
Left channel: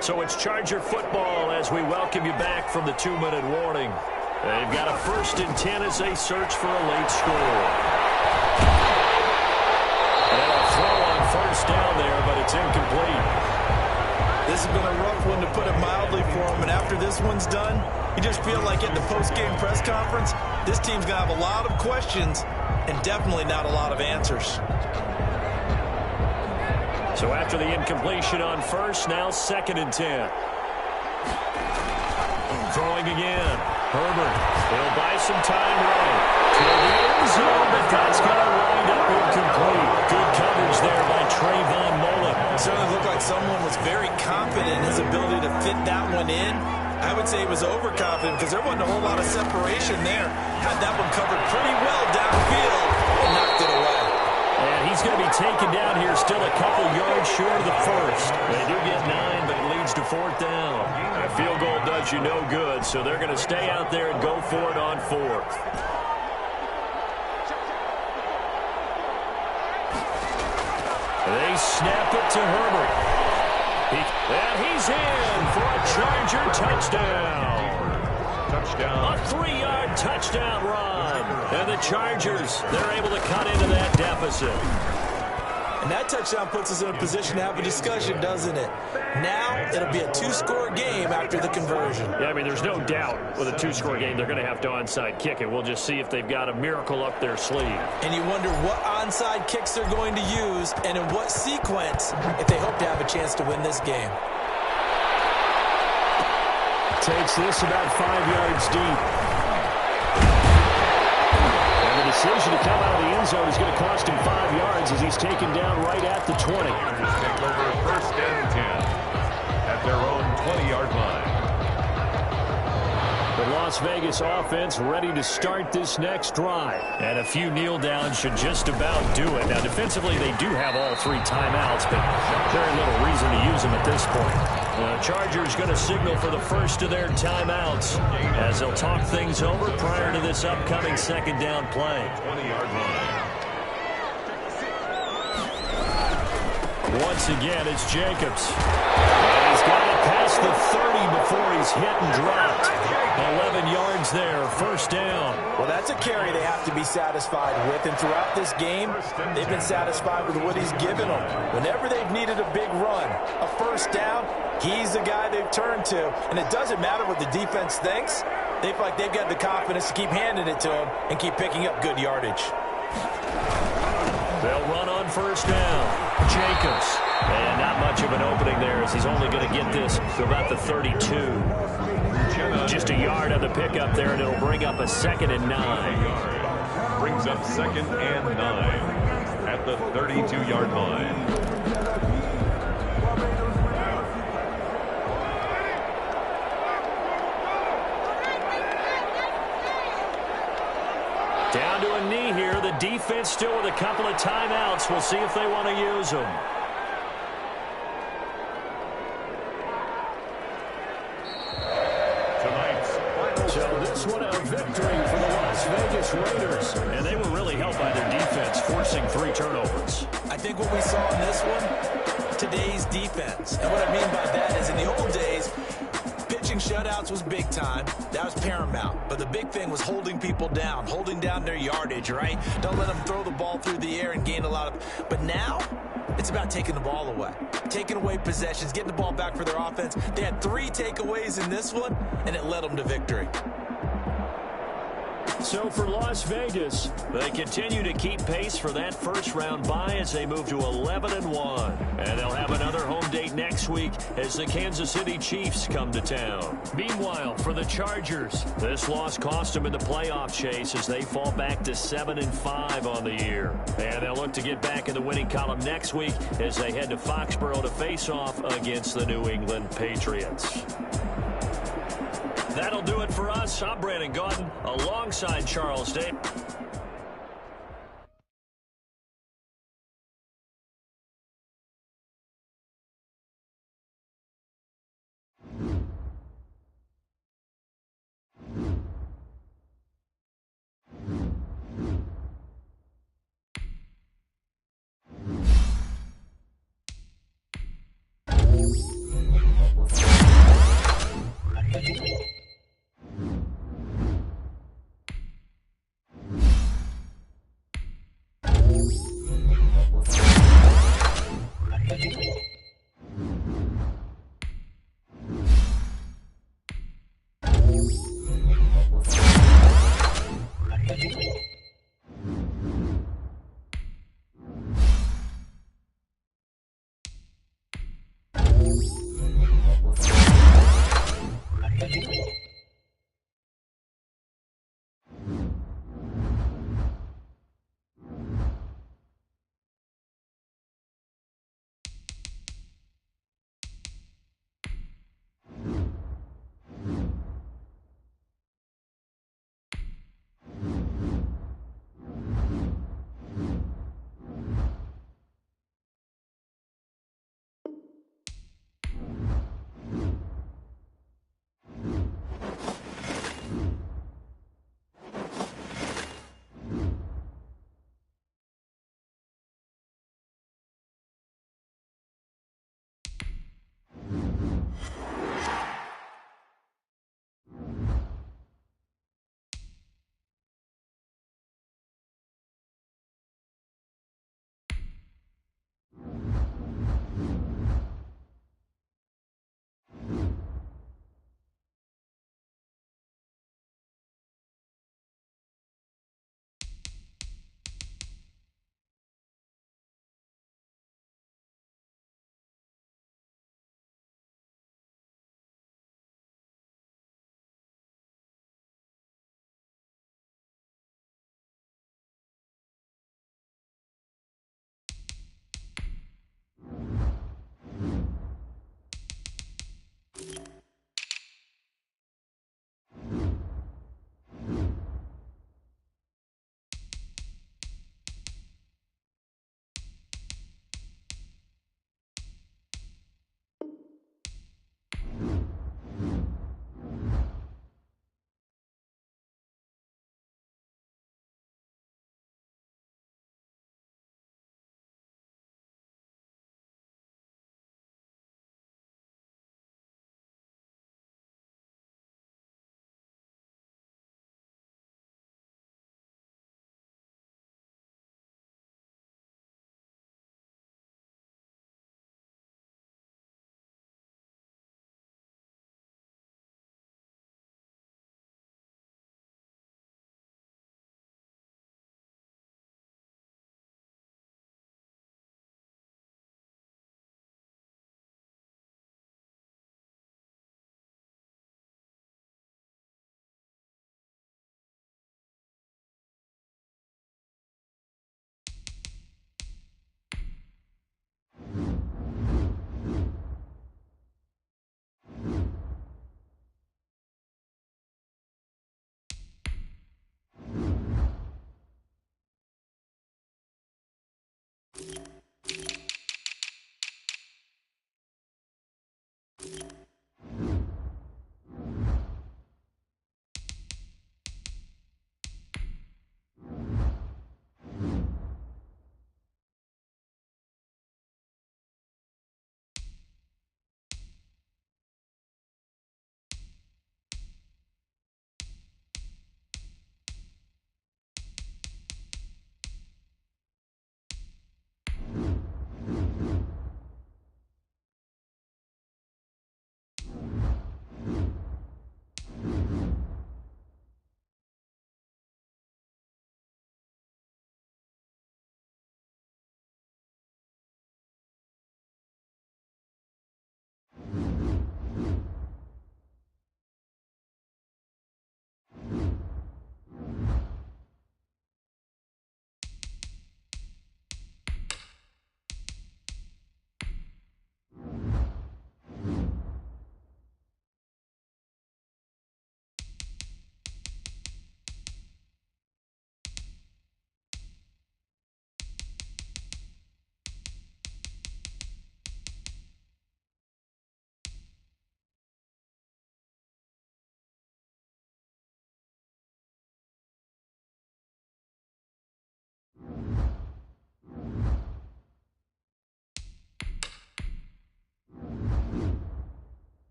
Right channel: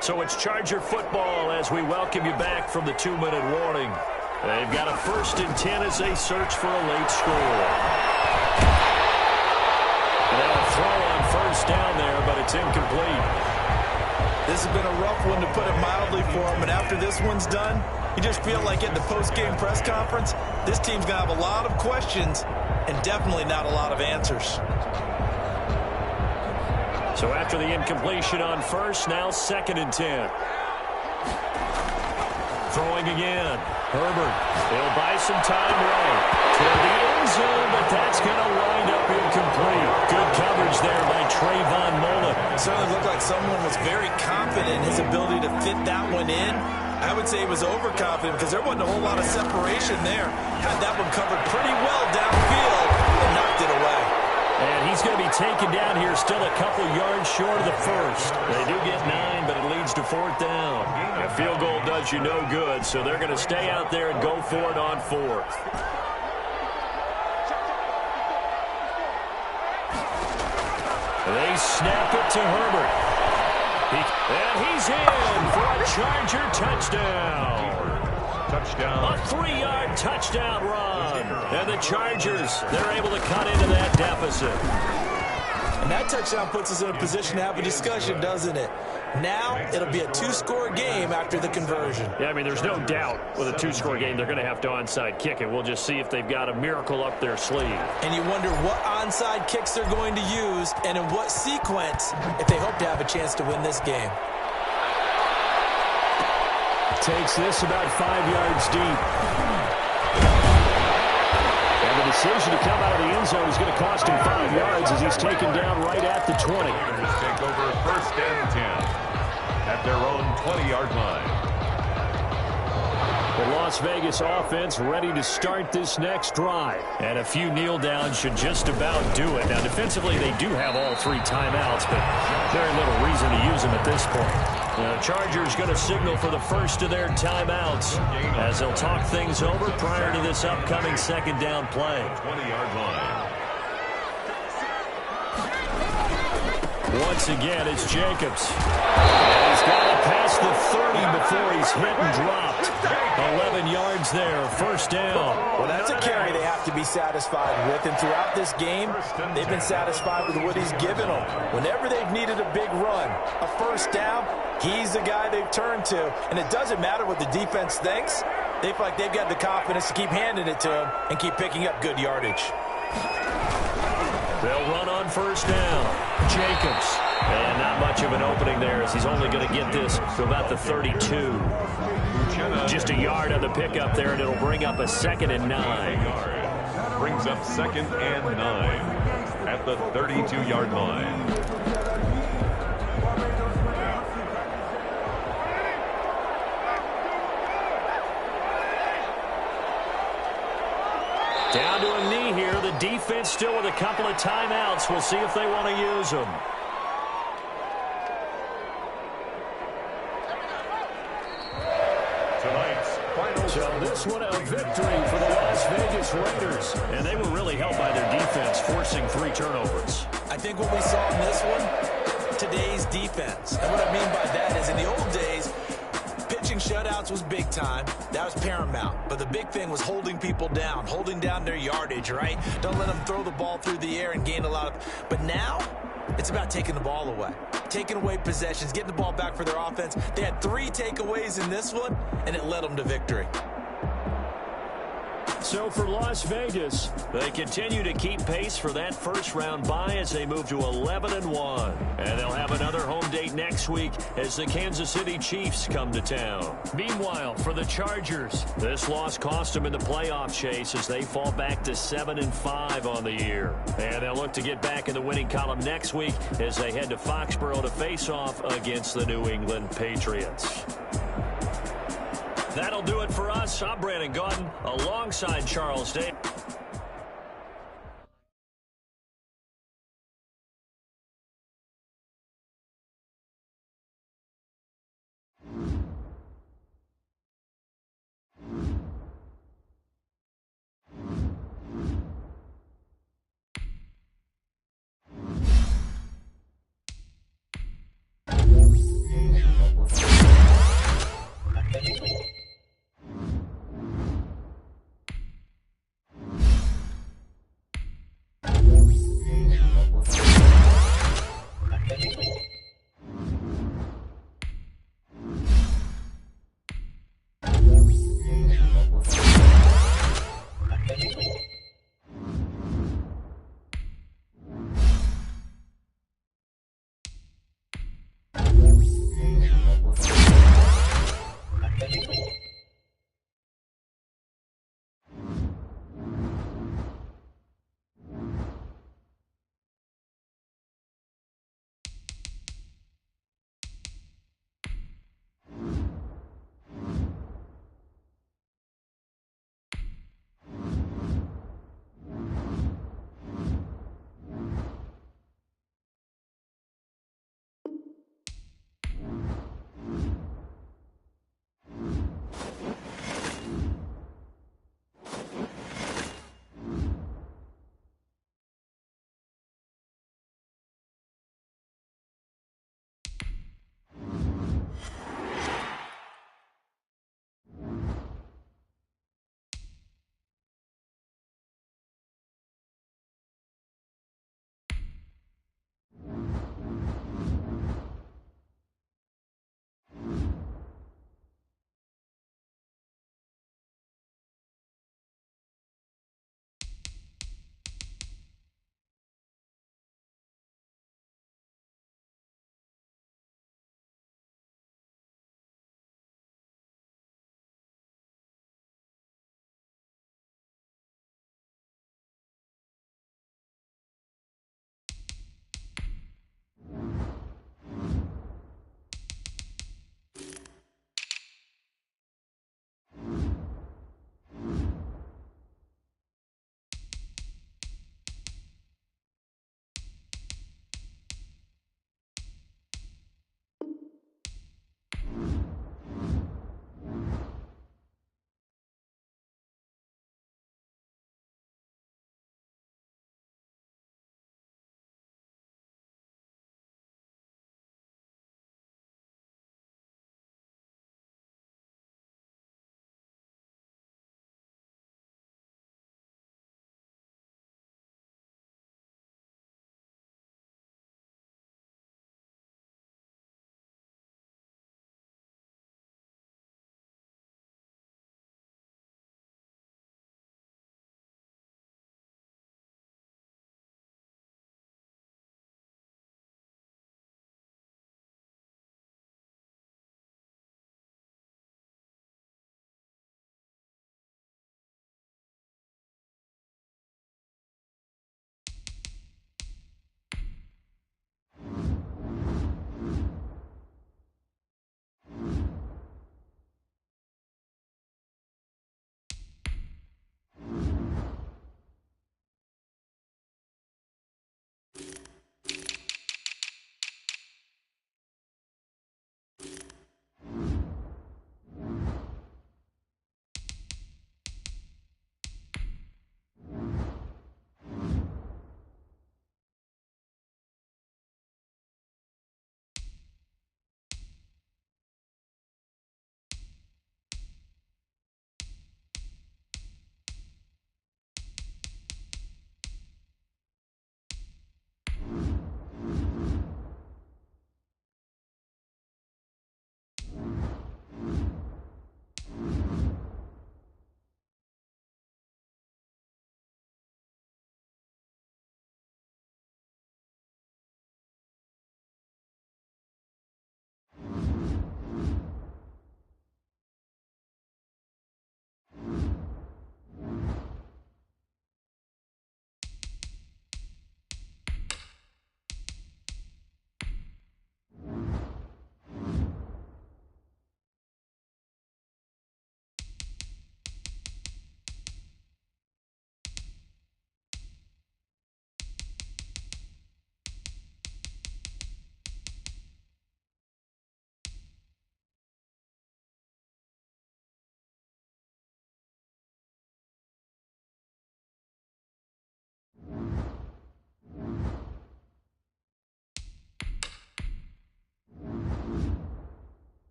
So it's Charger football as we welcome you back from the 2-minute warning. They've got a 1st and 10 as they search for a late score. And they'll throw on 1st down there, but it's incomplete. This has been a rough one, to put it mildly, for him. And after this one's done, you just feel like at the post-game press conference, this team's going to have a lot of questions and definitely not a lot of answers. So after the incompletion on 1st, now 2nd and 10. Throwing again. Herbert. He'll buy some time right toward the end zone, but that's going to wind up incomplete. Good coverage there by Trayvon Mullen. It certainly looked like someone was very confident in his ability to fit that one in. I would say he was overconfident because there wasn't a whole lot of separation there. Had that one covered pretty well downfield and knocked it away. And he's going to be taken down here, still a couple yards short of the 1st. They do get 9, but it leads to 4th down. A field goal does you no good, so they're going to stay out there and go for it on 4th. They snap it to Herbert. And he's in for a Charger touchdown. Touchdown. A 3-yard touchdown run. And the Chargers, they're able to cut into that deficit. And that touchdown puts us in a position to have a discussion, doesn't it? Now it'll be a 2-score game after the conversion. Yeah, I mean, there's no doubt with a 2-score game they're going to have to onside kick it. We'll just see if they've got a miracle up their sleeve. And you wonder what onside kicks they're going to use and in what sequence if they hope to have a chance to win this game. Takes this about 5 yards deep. And the decision to come out of the end zone is going to cost him 5 yards as he's taken down right at the 20. Chargers take over 1st and 10 at their own 20-yard line. The Las Vegas offense ready to start this next drive. And a few kneel downs should just about do it. Now, defensively, they do have all 3 timeouts, but very little reason to use them at this point. The Chargers going to signal for the first of their timeouts as they'll talk things over prior to this upcoming second down play. 20-yard line. Once again, it's Jacobs. And he's got it past the 30 before he's hit and dropped. 11 yards there, first down. Well, that's a carry they have to be satisfied with. And throughout this game, they've been satisfied with what he's given them. Whenever they've needed a big run, a first down, he's the guy they've turned to. And it doesn't matter what the defense thinks. They feel like they've got the confidence to keep handing it to him and keep picking up good yardage. They'll run on first down. Jacobs. And not much of an opening there as he's only going to get this to about the 32. Just a yard on the pickup there, and it'll bring up a 2nd and 9. Brings up 2nd and 9 at the 32-yard line. Down to a knee here. The defense still with a couple of timeouts. We'll see if they want to use them. Tonight's final. So this one a victory for the Las Vegas Raiders. And they were really helped by their defense, forcing 3 turnovers. I think what we saw in this one, today's defense. And what I mean by that is in the old days, pitching shutouts was big time. That was paramount. But the big thing was holding people down, holding down their yardage, right? Don't let them throw the ball through the air and gain a lot of... But now, it's about taking the ball away. Taking away possessions, getting the ball back for their offense. They had 3 takeaways in this one, and it led them to victory. So for Las Vegas, they continue to keep pace for that first-round bye as they move to 11-1. And they'll have another home date next week as the Kansas City Chiefs come to town. Meanwhile, for the Chargers, this loss cost them in the playoff chase as they fall back to 7-5 on the year. And they'll look to get back in the winning column next week as they head to Foxborough to face off against the New England Patriots. That'll do it for us. I'm Brandon Gaudin alongside Charles Day.